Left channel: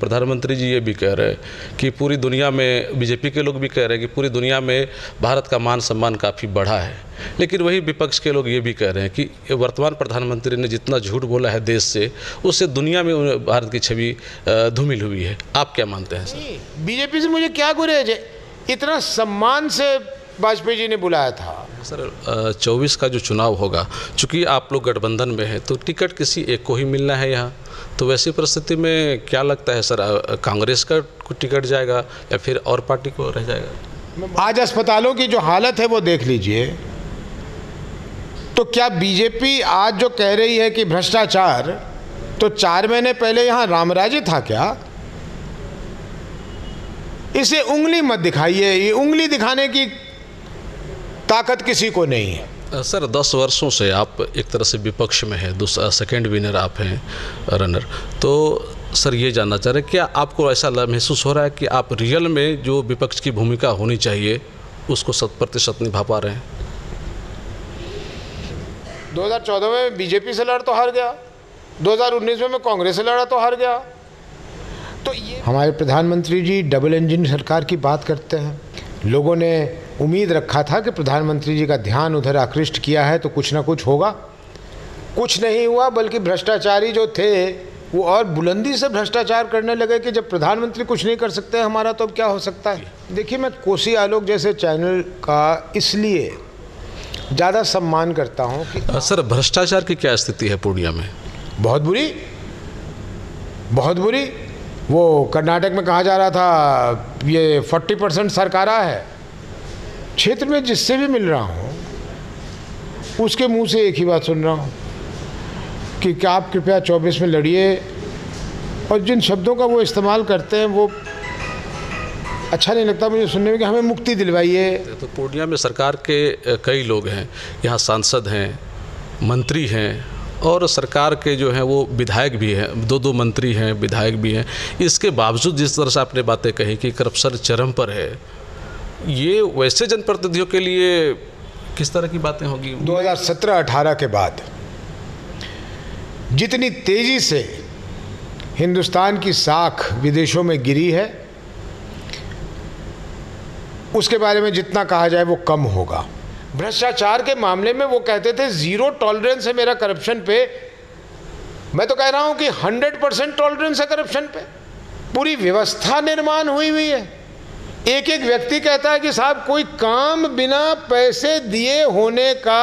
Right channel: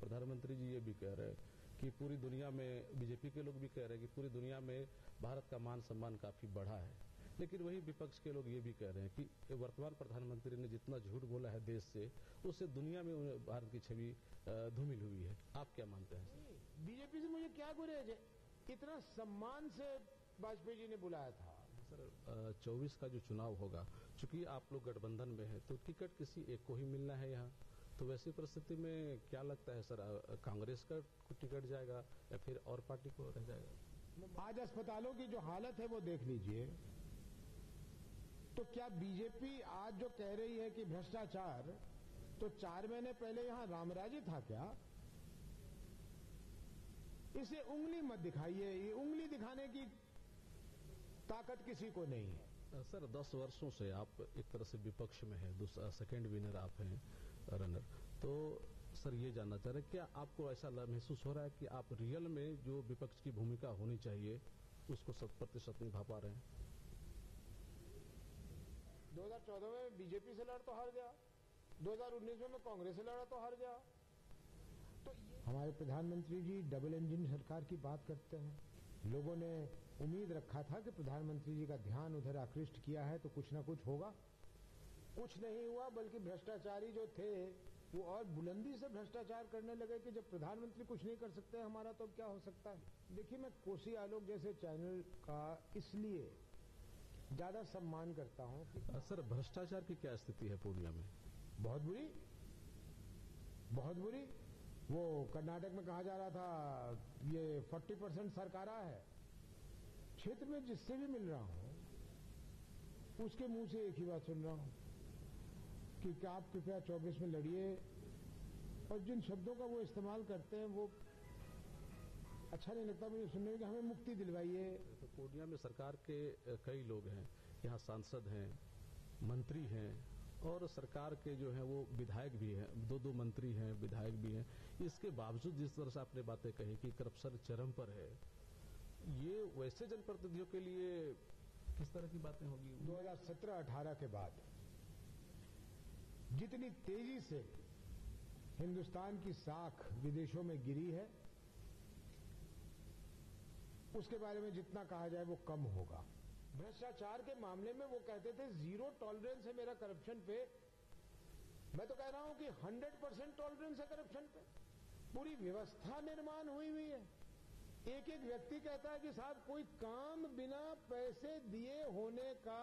प्रधानमंत्री जी ये भी कह रहे हैं कि पूरी दुनिया में, बीजेपी के लोग भी कह रहे हैं कि पूरी दुनिया में भारत का मान सम्मान काफ़ी बढ़ा है, लेकिन वही विपक्ष के लोग ये भी कह रहे हैं कि वर्तमान प्रधानमंत्री ने जितना झूठ बोला है देश से, उससे दुनिया में भारत की छवि धूमिल हुई है। आप क्या मानते हैं सर? बीजेपी से मुझे क्या गुरेज है, इतना सम्मान से वाजपेयी जी ने बुलाया था। सर 24 का जो चुनाव होगा, चूँकि आप लोग गठबंधन में हैं तो टिकट किसी एक को ही मिलना है यहाँ, तो वैसी परिस्थिति में क्या लगता है सर, कांग्रेस का टिकट जाएगा या फिर और पार्टी को रह जाएगा? आज अस्पतालों की जो हालत है वो देख लीजिए, तो क्या बीजेपी आज जो कह रही है कि भ्रष्टाचार, तो 4 महीने पहले यहाँ रामराज्य था क्या? इसे उंगली मत दिखाइए, ये उंगली दिखाने की ताकत किसी को नहीं है। सर 10 वर्षों से आप एक तरह से विपक्ष में हैं, दूसरा सेकंड विनर आप हैं, रनर, तो सर ये जानना चाह रहे हैं क्या आपको ऐसा महसूस हो रहा है कि आप रियल में जो विपक्ष की भूमिका होनी चाहिए उसको 100% निभा पा रहे हैं? 2014 में बीजेपी से लड़ तो हार गया, 2019 में मैं कांग्रेस से लड़ा तो हार गया। तो ये हमारे प्रधानमंत्री जी डबल इंजन सरकार की बात करते हैं। लोगों ने उम्मीद रखा था कि प्रधानमंत्री जी का ध्यान उधर आकृष्ट किया है तो कुछ ना कुछ होगा, कुछ नहीं हुआ, बल्कि भ्रष्टाचारी जो थे वो और बुलंदी से भ्रष्टाचार करने लगे कि जब प्रधानमंत्री कुछ नहीं कर सकते हमारा तो अब क्या हो सकता है। देखिए, मैं कोसी आलोक जैसे चैनल का इसलिए ज़्यादा सम्मान करता हूँ कि सर भ्रष्टाचार की क्या स्थिति है पूर्णिया में? बहुत बुरी, बहुत बुरी। वो कर्नाटक में कहा जा रहा था ये 40% सरकारा है। क्षेत्र में जिससे भी मिल रहा हूँ उसके मुंह से एक ही बात सुन रहा हूँ कि क्या आप कृपया 24 में लड़िए, और जिन शब्दों का वो इस्तेमाल करते हैं वो अच्छा नहीं लगता मुझे सुनने में, कि हमें मुक्ति दिलवाइए। तो पूर्णिया में सरकार के कई लोग हैं, यहाँ सांसद हैं, मंत्री हैं, और सरकार के जो हैं वो विधायक भी हैं, 2 मंत्री हैं, विधायक भी हैं। इसके बावजूद जिस तरह से आपने बातें कही कि करप्शन चरम पर है, ये वैसे जनप्रतिनिधियों के लिए किस तरह की बातें होगी? 2017-18 के बाद जितनी तेजी से हिंदुस्तान की साख विदेशों में गिरी है, उसके बारे में जितना कहा जाए वो कम होगा। भ्रष्टाचार के मामले में वो कहते थे 0 टॉलरेंस है मेरा करप्शन पे, मैं तो कह रहा हूं कि 100% टॉलरेंस है करप्शन पे। पूरी व्यवस्था निर्माण हुई है। एक एक व्यक्ति कहता है कि साहब कोई काम बिना पैसे दिए होने का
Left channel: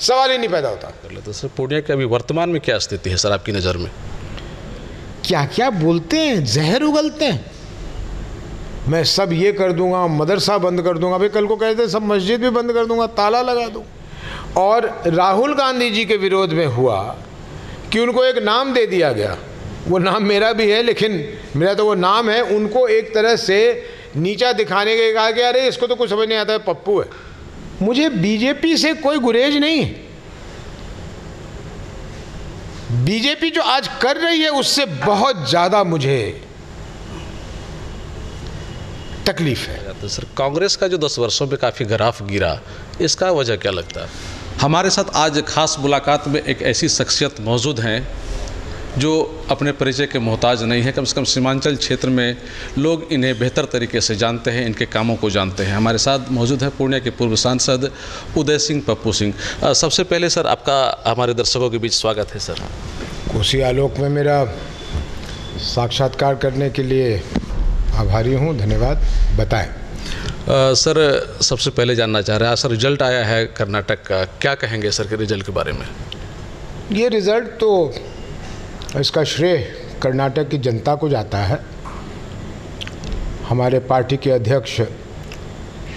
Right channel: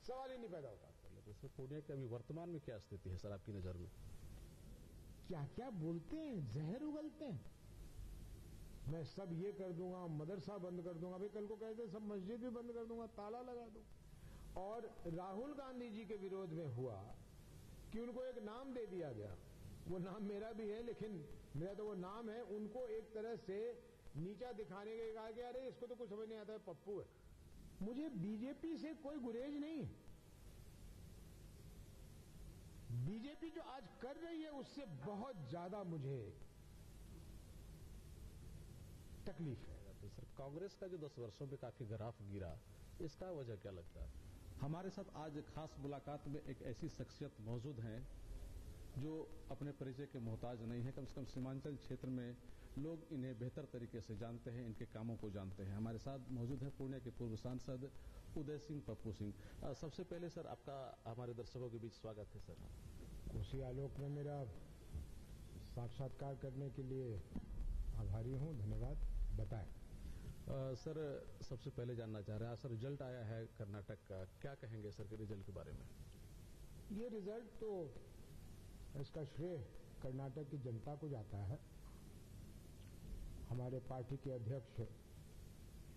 सवाल ही नहीं पैदा होता। तो सर पूर्णिया की अभी वर्तमान में क्या स्थिति है सर आपकी नज़र में? क्या क्या बोलते हैं, जहर उगलते हैं। मैं सब ये कर दूंगा, मदरसा बंद कर दूंगा, भाई कल को कहते हैं सब मस्जिद भी बंद कर दूंगा, ताला लगा दूं। और राहुल गांधी जी के विरोध में हुआ कि उनको एक नाम दे दिया गया, वो नाम मेरा भी है लेकिन मेरा तो वो नाम है, उनको एक तरह से नीचा दिखाने के कहा कि अरे इसको तो कुछ समझ नहीं आता है, पप्पू है। मुझे बीजेपी से कोई गुरेज नहीं है। बीजेपी जो आज कर रही है उससे बहुत ज़्यादा मुझे तकलीफ है। तो सर कांग्रेस का जो 10 वर्षों में काफ़ी ग्राफ गिरा, इसका वजह क्या लगता है? हमारे साथ आज खास मुलाकात में एक ऐसी शख्सियत मौजूद हैं जो अपने परिचय के मोहताज नहीं है। कम से कम सीमांचल क्षेत्र में लोग इन्हें बेहतर तरीके से जानते हैं, इनके कामों को जानते हैं। हमारे साथ मौजूद है पूर्णिया के पूर्व सांसद उदय सिंह पप्पू सिंह। सबसे पहले सर आपका हमारे दर्शकों के बीच स्वागत है सर। कोसी आलोक में मेरा साक्षात्कार करने के लिए आभारी हूँ, धन्यवाद। बताएं। सर सबसे पहले जानना चाह रहे हैं, सर रिजल्ट आया है कर्नाटक का, क्या कहेंगे सर के रिजल्ट के बारे में? ये रिज़ल्ट तो इसका श्रेय कर्नाटक की जनता को जाता है। हमारे पार्टी के अध्यक्ष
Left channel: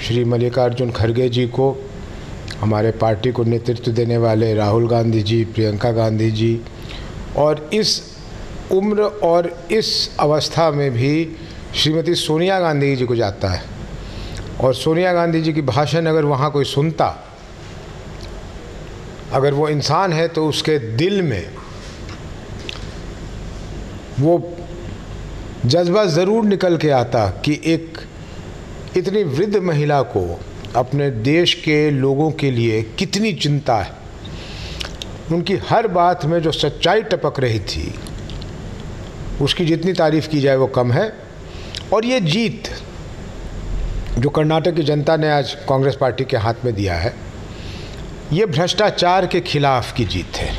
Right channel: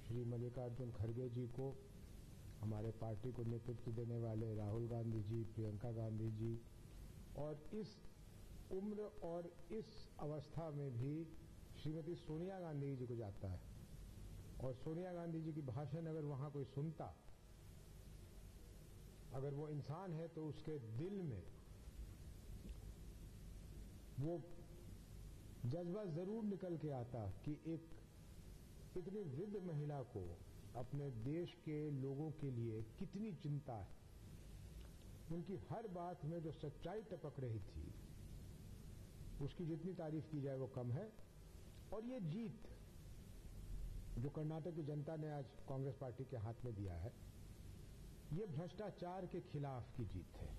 श्री मल्लिकार्जुन खड़गे जी को, हमारे पार्टी को नेतृत्व देने वाले राहुल गांधी जी, प्रियंका गांधी जी, और इस उम्र और इस अवस्था में भी श्रीमती सोनिया गांधी जी को जाता है। और सोनिया गांधी जी की भाषण अगर वहाँ कोई सुनता, अगर वो इंसान है तो उसके दिल में वो जज्बा ज़रूर निकल के आता कि एक इतनी वृद्ध महिला को अपने देश के लोगों के लिए कितनी चिंता है। उनकी हर बात में जो सच्चाई टपक रही थी उसकी जितनी तारीफ़ की जाए वो कम है। और ये जीत जो कर्नाटक की जनता ने आज कांग्रेस पार्टी के हाथ में दिया है, ये भ्रष्टाचार के खिलाफ की जीत है।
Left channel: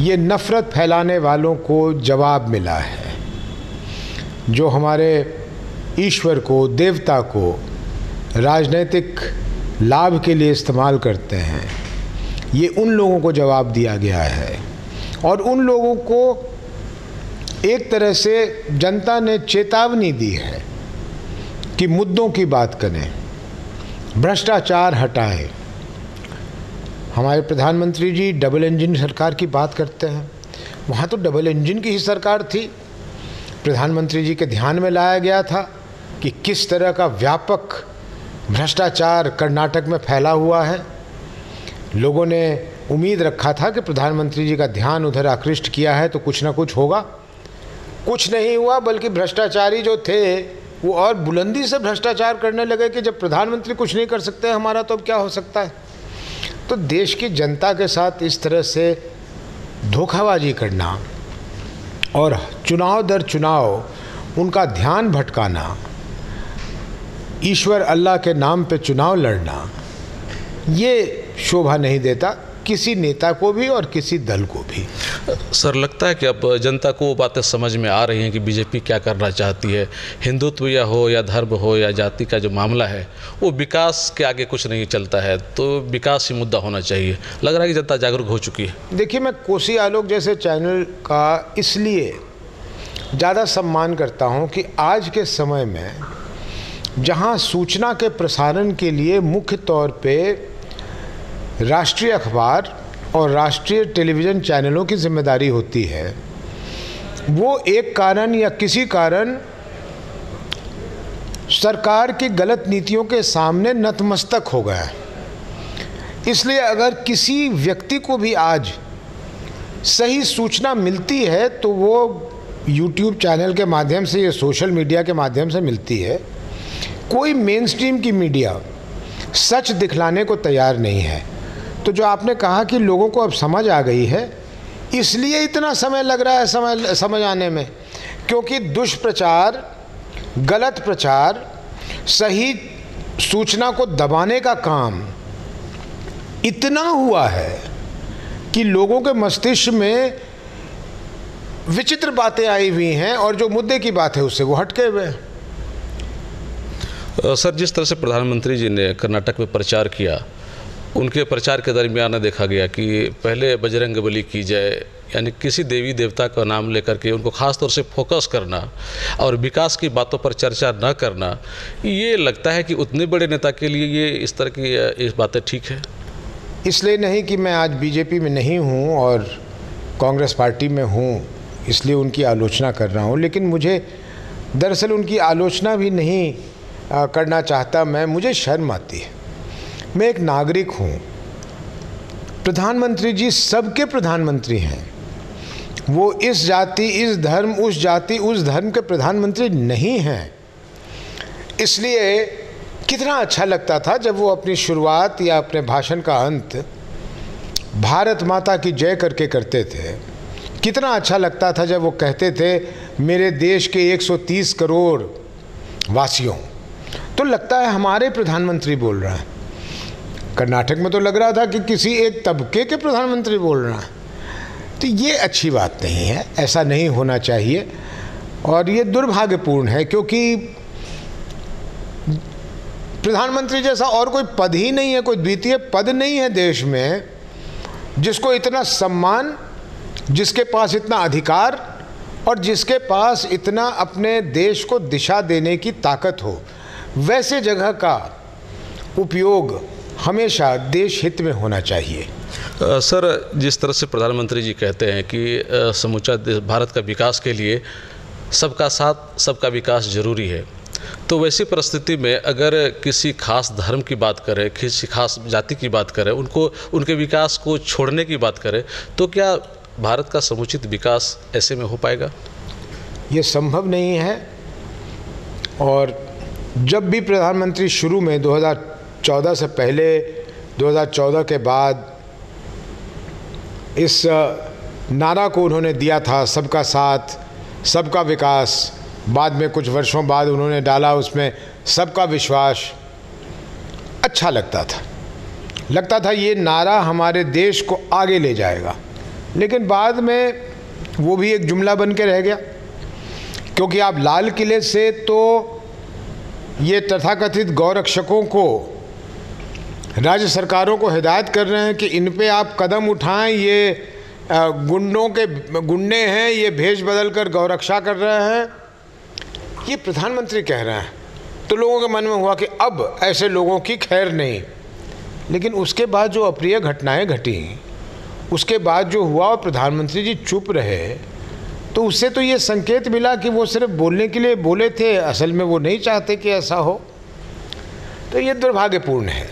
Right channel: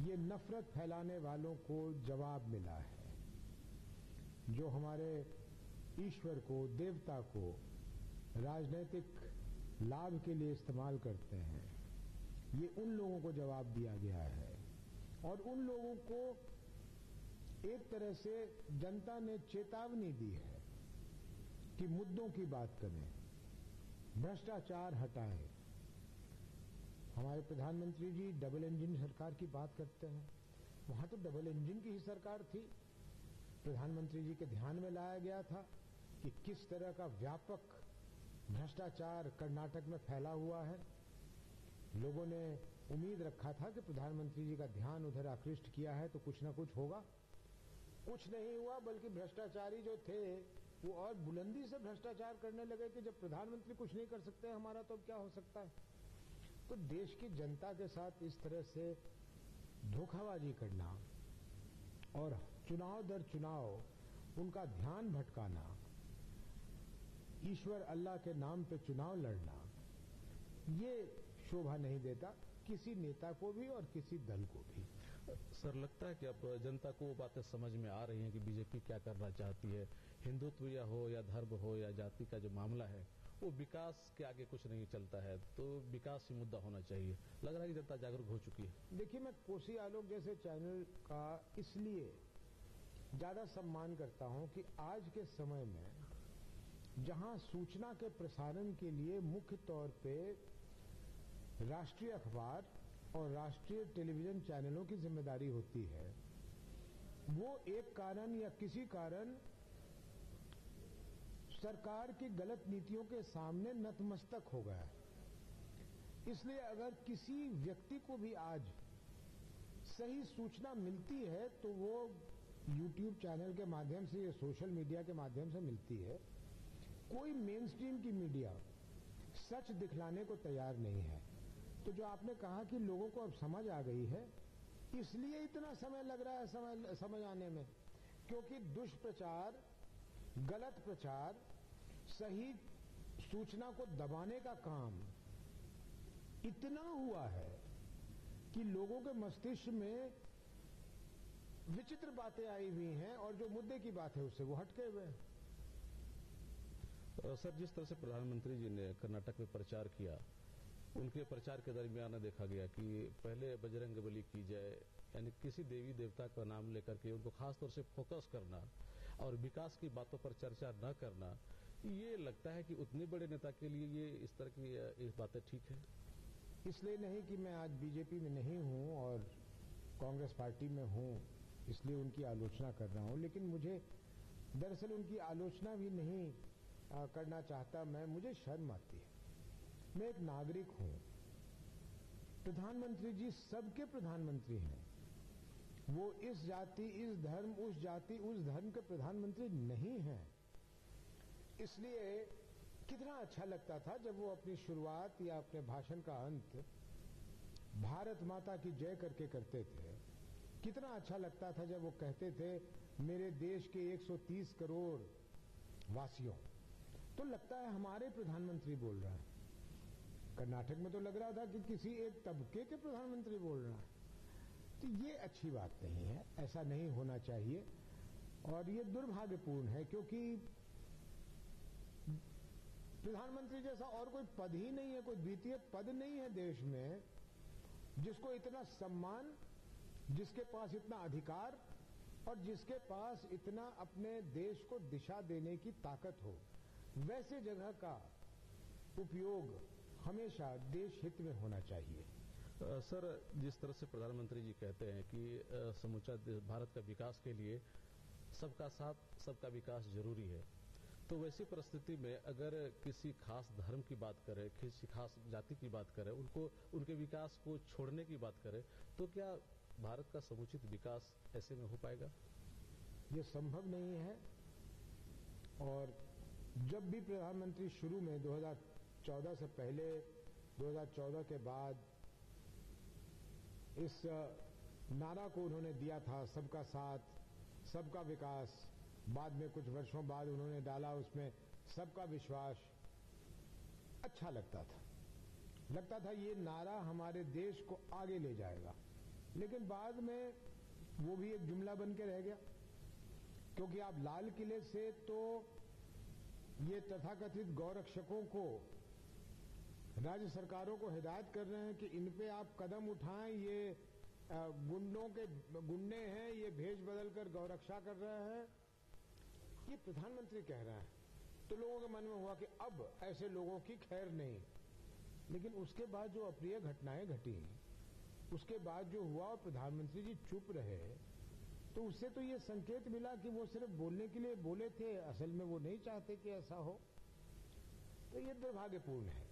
ये नफ़रत फैलाने वालों को जवाब मिला है, जो हमारे ईश्वर को, देवता को राजनीतिक लाभ के लिए इस्तेमाल करते हैं। ये उन लोगों को जवाब दिया गया है और उन लोगों को एक तरह से जनता ने चेतावनी दी है कि मुद्दों की बात करें, भ्रष्टाचार हटाएं। हमारे प्रधानमंत्री जी डबल इंजन सरकार की बात करते हैं, वहाँ तो डबल इंजन की ही सरकार थी। प्रधानमंत्री जी के ध्यान में लाया गया था कि किस तरह का व्यापक भ्रष्टाचार कर्नाटक में फैला हुआ है। लोगों ने उम्मीद रखा था कि प्रधानमंत्री जी का ध्यान उधर आकृष्ट किया है तो कुछ ना कुछ होगा। कुछ नहीं हुआ, बल्कि भ्रष्टाचारी जो थे वो और बुलंदी से भ्रष्टाचार करने लगे कि जब प्रधानमंत्री कुछ नहीं कर सकते हमारा तो अब क्या हो सकता है। तो देश की जनता के साथ इस तरह से धोखाबाजी करना और चुनाव दर चुनाव उनका ध्यान भटकाना, ईश्वर अल्लाह के नाम पे चुनाव लड़ना, ये शोभा नहीं देता किसी नेता को भी और किसी दल को भी। सर, लगता है कि अब जनता को वो बातें समझ में आ रही हैं कि बीजेपी क्या करना चाहती है। हिंदुत्व या हो या धर्म हो या जाति का जो मामला है वो विकास के आगे कुछ नहीं चलता है, तो विकास ही मुद्दा होना चाहिए। लग रहा है कि जनता जागरूक हो चुकी है। देखिए, मैं कोसी आलोक जैसे चैनल का इसलिए ज़्यादा सम्मान करता हूँ कि आज के समय में जहाँ सूचना के प्रसारण के लिए मुख्य तौर पे राष्ट्रीय अखबार और राष्ट्रीय टेलीविज़न चैनलों की जिम्मेदारी होती है, वो एक कारण या किसी कारण सरकार की गलत नीतियों के सामने नतमस्तक हो गया है। इसलिए अगर किसी व्यक्ति को भी आज सही सूचना मिलती है तो वो YouTube चैनल के माध्यम से या सोशल मीडिया के माध्यम से मिलती है। कोई मेन स्ट्रीम की मीडिया सच दिखलाने को तैयार नहीं है। तो जो आपने कहा कि लोगों को अब समझ आ गई है, इसलिए इतना समय लग रहा है समझ आने में, क्योंकि दुष्प्रचार, गलत प्रचार, सही सूचना को दबाने का काम इतना हुआ है कि लोगों के मस्तिष्क में विचित्र बातें आई हुई हैं और जो मुद्दे की बात है उससे वो हटके हुए हैं। सर, जिस तरह से प्रधानमंत्री जी ने कर्नाटक में प्रचार किया, उनके प्रचार के दरमियान देखा गया कि पहले बजरंगबली की जय, यानी किसी देवी देवता का नाम लेकर के उनको ख़ास तौर से फोकस करना और विकास की बातों पर चर्चा न करना, ये लगता है कि उतने बड़े नेता के लिए ये इस तरह की इस बातें ठीक है। इसलिए नहीं कि मैं आज बीजेपी में नहीं हूँ और कांग्रेस पार्टी में हूँ इसलिए उनकी आलोचना कर रहा हूँ, लेकिन मुझे दरअसल उनकी आलोचना भी नहीं करना चाहता मैं। मुझे शर्म आती है। मैं एक नागरिक हूँ। प्रधानमंत्री जी सबके प्रधानमंत्री हैं। वो इस जाति, इस धर्म, उस जाति, उस धर्म के प्रधानमंत्री नहीं हैं। इसलिए कितना अच्छा लगता था जब वो अपनी शुरुआत या अपने भाषण का अंत भारत माता की जय करके करते थे। कितना अच्छा लगता था जब वो कहते थे मेरे देश के 130 करोड़ वासियों। तो लगता है हमारे प्रधानमंत्री बोल रहा है। कर्नाटक में तो लग रहा था कि किसी एक तबके के प्रधानमंत्री बोल रहा है। तो ये अच्छी बात नहीं है, ऐसा नहीं होना चाहिए और ये दुर्भाग्यपूर्ण है, क्योंकि प्रधानमंत्री जैसा और कोई पद ही नहीं है, कोई द्वितीय पद नहीं है देश में जिसको इतना सम्मान, जिसके पास इतना अधिकार और जिसके पास इतना अपने देश को दिशा देने की ताकत हो। वैसे जगह का उपयोग हमेशा देश हित में होना चाहिए। सर, जिस तरह से प्रधानमंत्री जी कहते हैं कि समूचा भारत का विकास के लिए सबका साथ, सबका विकास जरूरी है, तो वैसी परिस्थिति में अगर किसी खास धर्म की बात करें, किसी खास जाति की बात करें, उनके विकास को छोड़ने की बात करें, तो क्या भारत का समुचित विकास ऐसे में हो पाएगा? ये संभव नहीं है। और जब भी प्रधानमंत्री शुरू में 2014 से पहले, 2014 के बाद इस नारा को उन्होंने दिया था, सबका साथ, सबका विकास, बाद में कुछ वर्षों बाद उन्होंने डाला उसमें सबका विश्वास। अच्छा लगता था ये नारा हमारे देश को आगे ले जाएगा, लेकिन बाद में वो भी एक जुमला बन के रह गया, क्योंकि आप लाल किले से तो ये तथाकथित गौरक्षकों को, राज्य सरकारों को हिदायत कर रहे हैं कि इन पे आप कदम उठाएं, ये गुंडे हैं, ये भेष बदल कर गौरक्षा कर रहे हैं, ये प्रधानमंत्री कह रहे हैं। तो लोगों के मन में हुआ कि अब ऐसे लोगों की खैर नहीं। लेकिन उसके बाद जो अप्रिय घटनाएं घटी, उसके बाद जो हुआ और प्रधानमंत्री जी चुप रहे, तो उससे तो ये संकेत मिला कि वो सिर्फ बोलने के लिए बोले थे, असल में वो नहीं चाहते कि ऐसा हो। तो ये दुर्भाग्यपूर्ण है।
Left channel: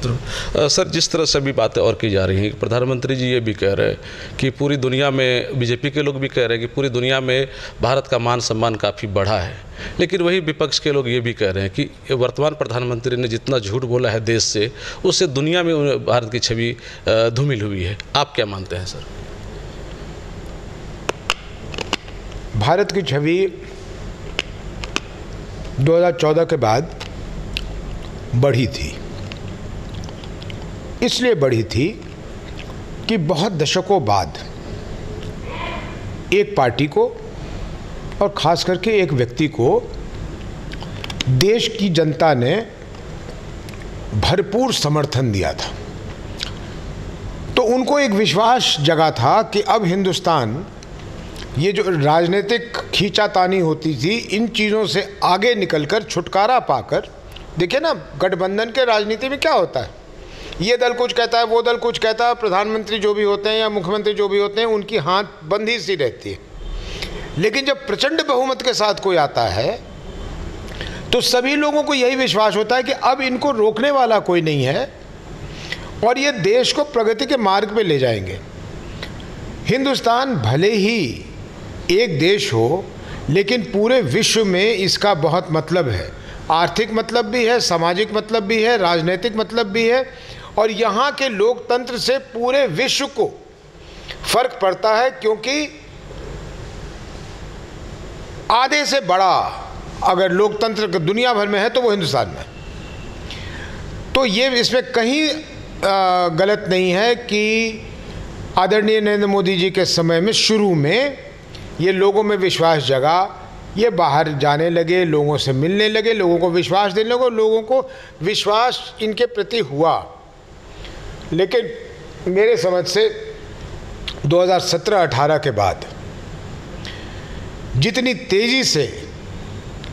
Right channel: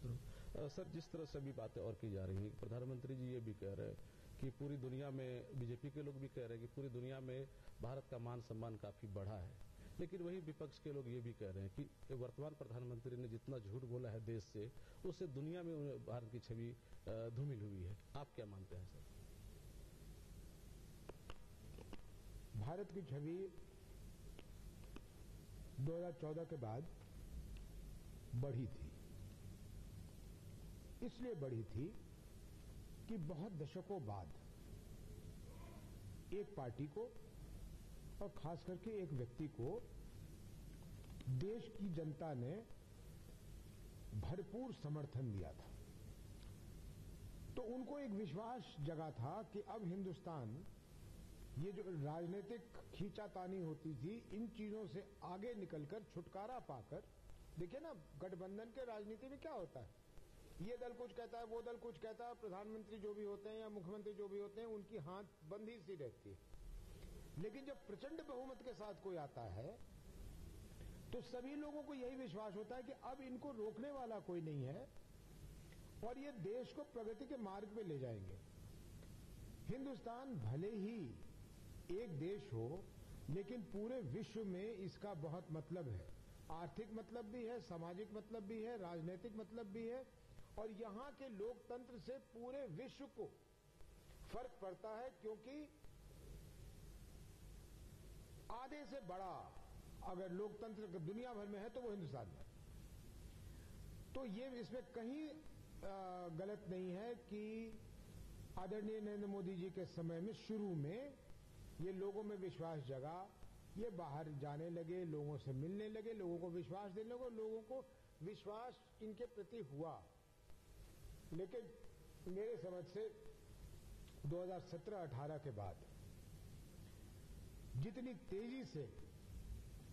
सर, जिस तरह से अभी बातें और की जा रही हैं, प्रधानमंत्री जी ये भी कह रहे हैं कि पूरी दुनिया में, बीजेपी के लोग भी कह रहे हैं कि पूरी दुनिया में भारत का मान सम्मान काफ़ी बढ़ा है, लेकिन वही विपक्ष के लोग ये भी कह रहे हैं कि वर्तमान प्रधानमंत्री ने जितना झूठ बोला है देश से, उससे दुनिया में भारत की छवि धूमिल हुई है। आप क्या मानते हैं सर? भारत की छवि 2014 के बाद बढ़ी थी, इसलिए बढ़ी थी कि बहुत दशकों बाद एक पार्टी को और ख़ास करके एक व्यक्ति को देश की जनता ने भरपूर समर्थन दिया था। तो उनको एक विश्वास जगा था कि अब हिंदुस्तान, ये जो राजनीतिक खींचातानी होती थी, इन चीज़ों से आगे निकलकर छुटकारा पाकर, देखिए ना गठबंधन के राजनीति में क्या होता है, ये दल कुछ कहता है, वो दल कुछ कहता है, प्रधानमंत्री जो भी होते हैं या मुख्यमंत्री जो भी होते हैं उनकी हाथ बंधी सी रहती है। लेकिन जब प्रचंड बहुमत के साथ कोई आता है तो सभी लोगों को यही विश्वास होता है कि अब इनको रोकने वाला कोई नहीं है और ये देश को प्रगति के मार्ग पे ले जाएंगे। हिंदुस्तान भले ही एक देश हो, लेकिन पूरे विश्व में इसका बहुत मतलब है। आर्थिक मतलब भी है, सामाजिक मतलब भी है, राजनीतिक मतलब भी है, और यहाँ के लोकतंत्र से पूरे विश्व को फर्क पड़ता है, क्योंकि आधे से बड़ा अगर लोकतंत्र दुनिया भर में है तो वो हिंदुस्तान में। तो ये इसमें कहीं गलत नहीं है कि आदरणीय नरेंद्र मोदी जी के समय में शुरू में ये लोगों में विश्वास जगा, ये बाहर जाने लगे, लोगों से मिलने लगे, लोगों को विश्वास देने लगे, लोगों को विश्वास इनके प्रति हुआ। लेकिन मेरे समझ से 2017-18 के बाद जितनी तेज़ी से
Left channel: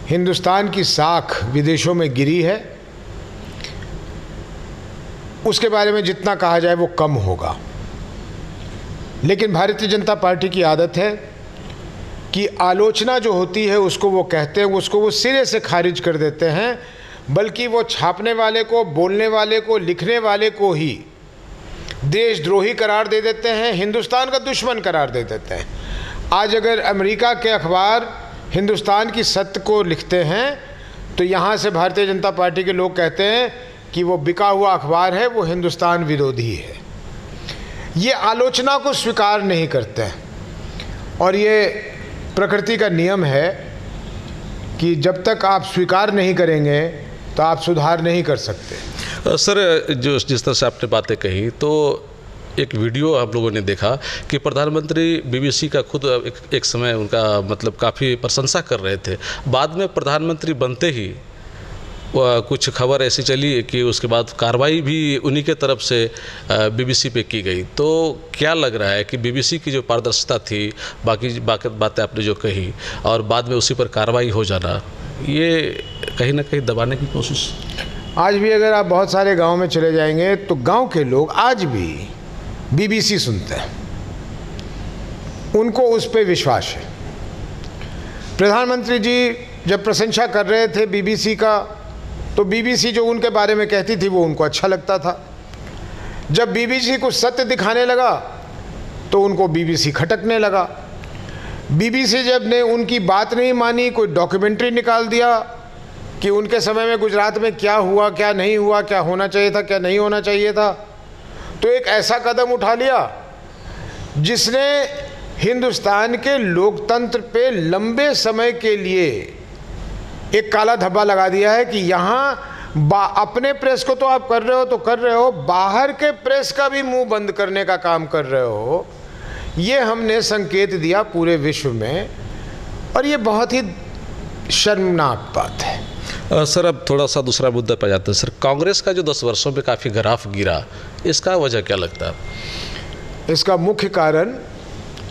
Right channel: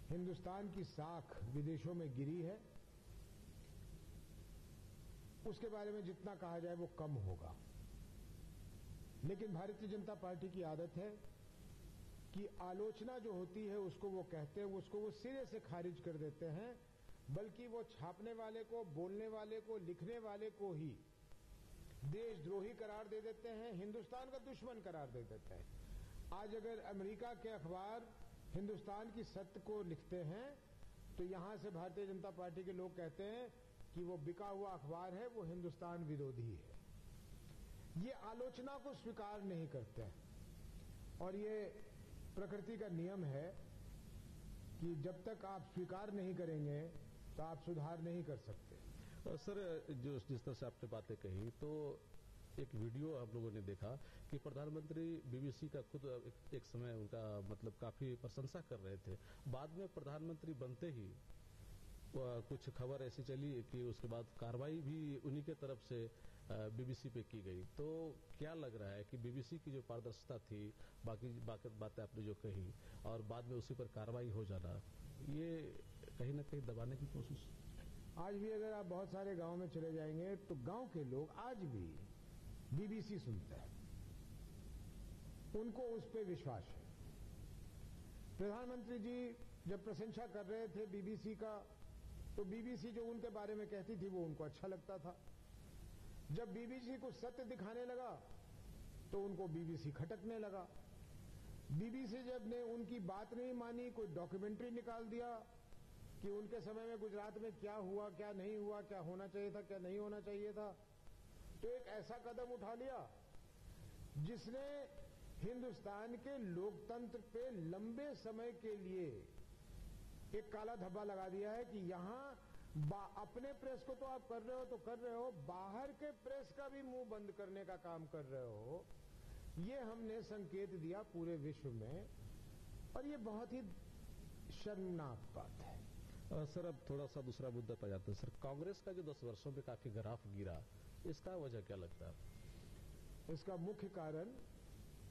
हिंदुस्तान की साख विदेशों में गिरी है, उसके बारे में जितना कहा जाए वो कम होगा। लेकिन भारतीय जनता पार्टी की आदत है कि आलोचना जो होती है उसको वो कहते हैं, उसको वो सिरे से खारिज कर देते हैं, बल्कि वो छापने वाले को, बोलने वाले को, लिखने वाले को ही देशद्रोही करार दे देते हैं, हिंदुस्तान का दुश्मन करार दे देते हैं। आज अगर अमेरिका के अखबार हिंदुस्तान की सत्य को लिखते हैं तो यहाँ से भारतीय जनता पार्टी के लोग कहते हैं कि वो बिका हुआ अखबार है, वो हिंदुस्तान विरोधी है। ये आलोचना को स्वीकार नहीं करते हैं, और ये प्रकृति का नियम है कि जब तक आप स्वीकार नहीं करेंगे तो आप सुधार नहीं कर सकते। सर, जो जिस तरह से आपने बातें कही, तो एक वीडियो आप लोगों ने देखा कि प्रधानमंत्री बीबीसी का खुद एक समय उनका मतलब काफ़ी प्रशंसा कर रहे थे। बाद में प्रधानमंत्री बनते ही कुछ खबर ऐसी चली कि उसके बाद कार्रवाई भी उन्हीं के तरफ से बीबीसी पे की गई। तो क्या लग रहा है कि बीबीसी की जो पारदर्शिता थी, बाकी बातें आपने जो कही, और बाद में उसी पर कार्रवाई हो जाना, ये कहीं ना कहीं दबाने की कोशिश? आज भी अगर आप बहुत सारे गांव में चले जाएंगे तो गांव के लोग आज भी बीबीसी सुनते हैं, उनको उस पर विश्वास है। प्रधानमंत्री जी जब प्रशंसा कर रहे थे बीबीसी का, तो बीबीसी जो उनके बारे में कहती थी वो उनको अच्छा लगता था। जब बीबीसी को सत्य दिखाने लगा तो उनको बीबीसी खटकने लगा। बीबीसी जब ने उनकी बात नहीं मानी, कोई डॉक्यूमेंट्री निकाल दिया कि उनके समय में गुजरात में क्या हुआ, क्या नहीं हुआ, क्या होना चाहिए था, क्या नहीं होना चाहिए था, तो एक ऐसा कदम उठा लिया जिसने हिंदुस्तान के लोकतंत्र पे लंबे समय के लिए एक काला धब्बा लगा दिया है कि यहाँ अपने प्रेस को तो आप कर रहे हो तो कर रहे हो, बाहर के प्रेस का भी मुंह बंद करने का काम कर रहे हो। ये हमने संकेत दिया पूरे विश्व में और ये बहुत ही शर्मनाक बात है। सर अब थोड़ा सा दूसरा मुद्दा पे जाते हैं सर। कांग्रेस का जो 10 वर्षों में काफ़ी ग्राफ गिरा, इसका वजह क्या लगता है? इसका मुख्य कारण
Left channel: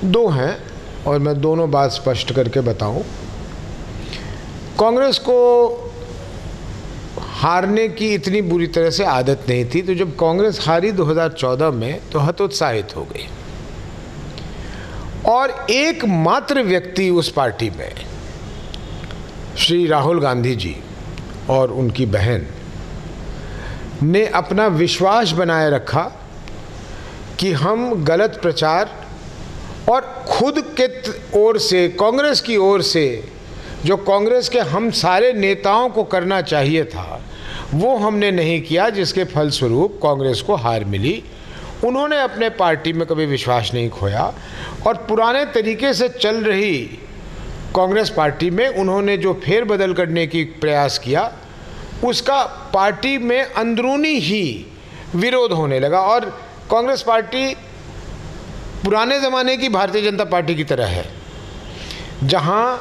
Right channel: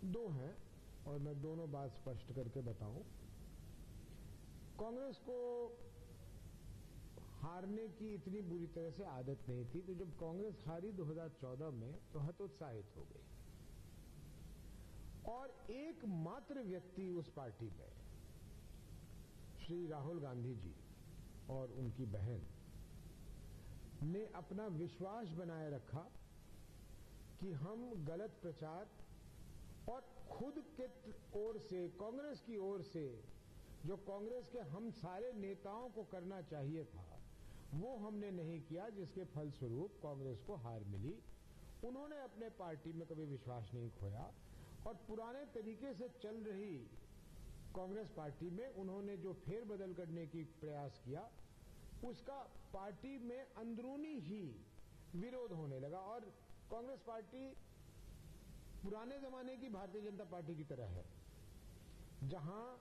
दो हैं और मैं दोनों बात स्पष्ट करके बताऊं। कांग्रेस को हारने की इतनी बुरी तरह से आदत नहीं थी, तो जब कांग्रेस हारी 2014 में तो हतोत्साहित हो गई और एकमात्र व्यक्ति उस पार्टी में श्री राहुल गांधी जी और उनकी बहन ने अपना विश्वास बनाए रखा कि हम गलत प्रचार और खुद के ओर से, कांग्रेस की ओर से जो कांग्रेस के हम सारे नेताओं को करना चाहिए था वो हमने नहीं किया, जिसके फलस्वरूप कांग्रेस को हार मिली। उन्होंने अपने पार्टी में कभी विश्वास नहीं खोया और पुराने तरीके से चल रही कांग्रेस पार्टी में उन्होंने जो फेरबदल करने की प्रयास किया उसका पार्टी में अंदरूनी ही विरोध होने लगा और कांग्रेस पार्टी पुराने ज़माने की भारतीय जनता पार्टी की तरह है जहां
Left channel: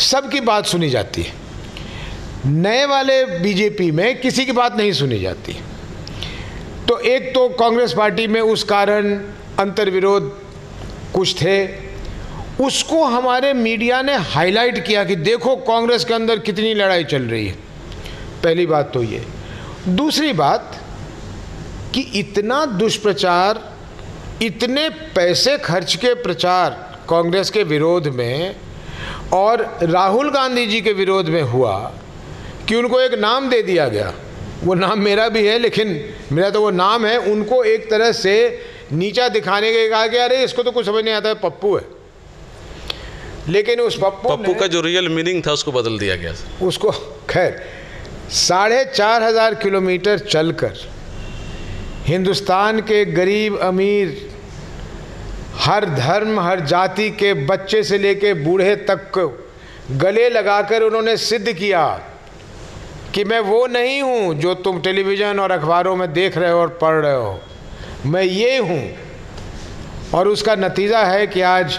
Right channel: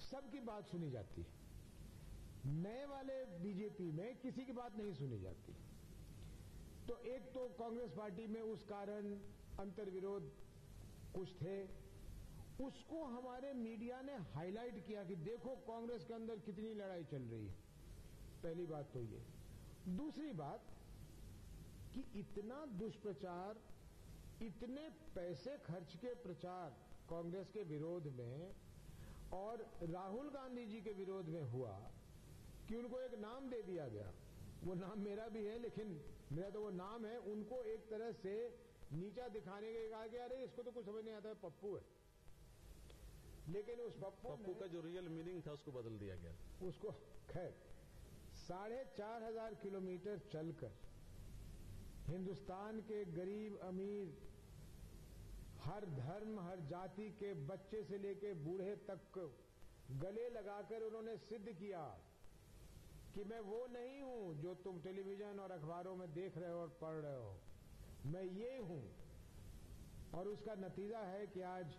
सबकी बात सुनी जाती है। नए वाले बीजेपी में किसी की बात नहीं सुनी जाती। तो एक तो कांग्रेस पार्टी में उस कारण अंतर्विरोध कुछ थे, उसको हमारे मीडिया ने हाईलाइट किया कि देखो कांग्रेस के अंदर कितनी लड़ाई चल रही है। पहली बात तो ये। दूसरी बात कि इतना दुष्प्रचार, इतने पैसे खर्च के प्रचार कांग्रेस के विरोध में और राहुल गांधी जी के विरोध में हुआ कि उनको एक नाम दे दिया गया। वो नाम मेरा भी है, लेकिन मेरा तो वो नाम है, उनको एक तरह से नीचा दिखाने के कहा कि अरे इसको तो कुछ समझ नहीं आता है, पप्पू है। लेकिन उस पप्पू का जो रियल मीनिंग था उसको बदल दिया गया। उसको खैर 4,500 किलोमीटर चलकर हिंदुस्तान के गरीब अमीर, हर धर्म हर जाति के बच्चे से लेके बूढ़े तक को गले लगाकर उन्होंने सिद्ध किया कि मैं वो नहीं हूँ जो तुम टेलीविज़न और अखबारों में देख रहे हो और पढ़ रहे हो, मैं ये हूँ। और उसका नतीजा है कि आज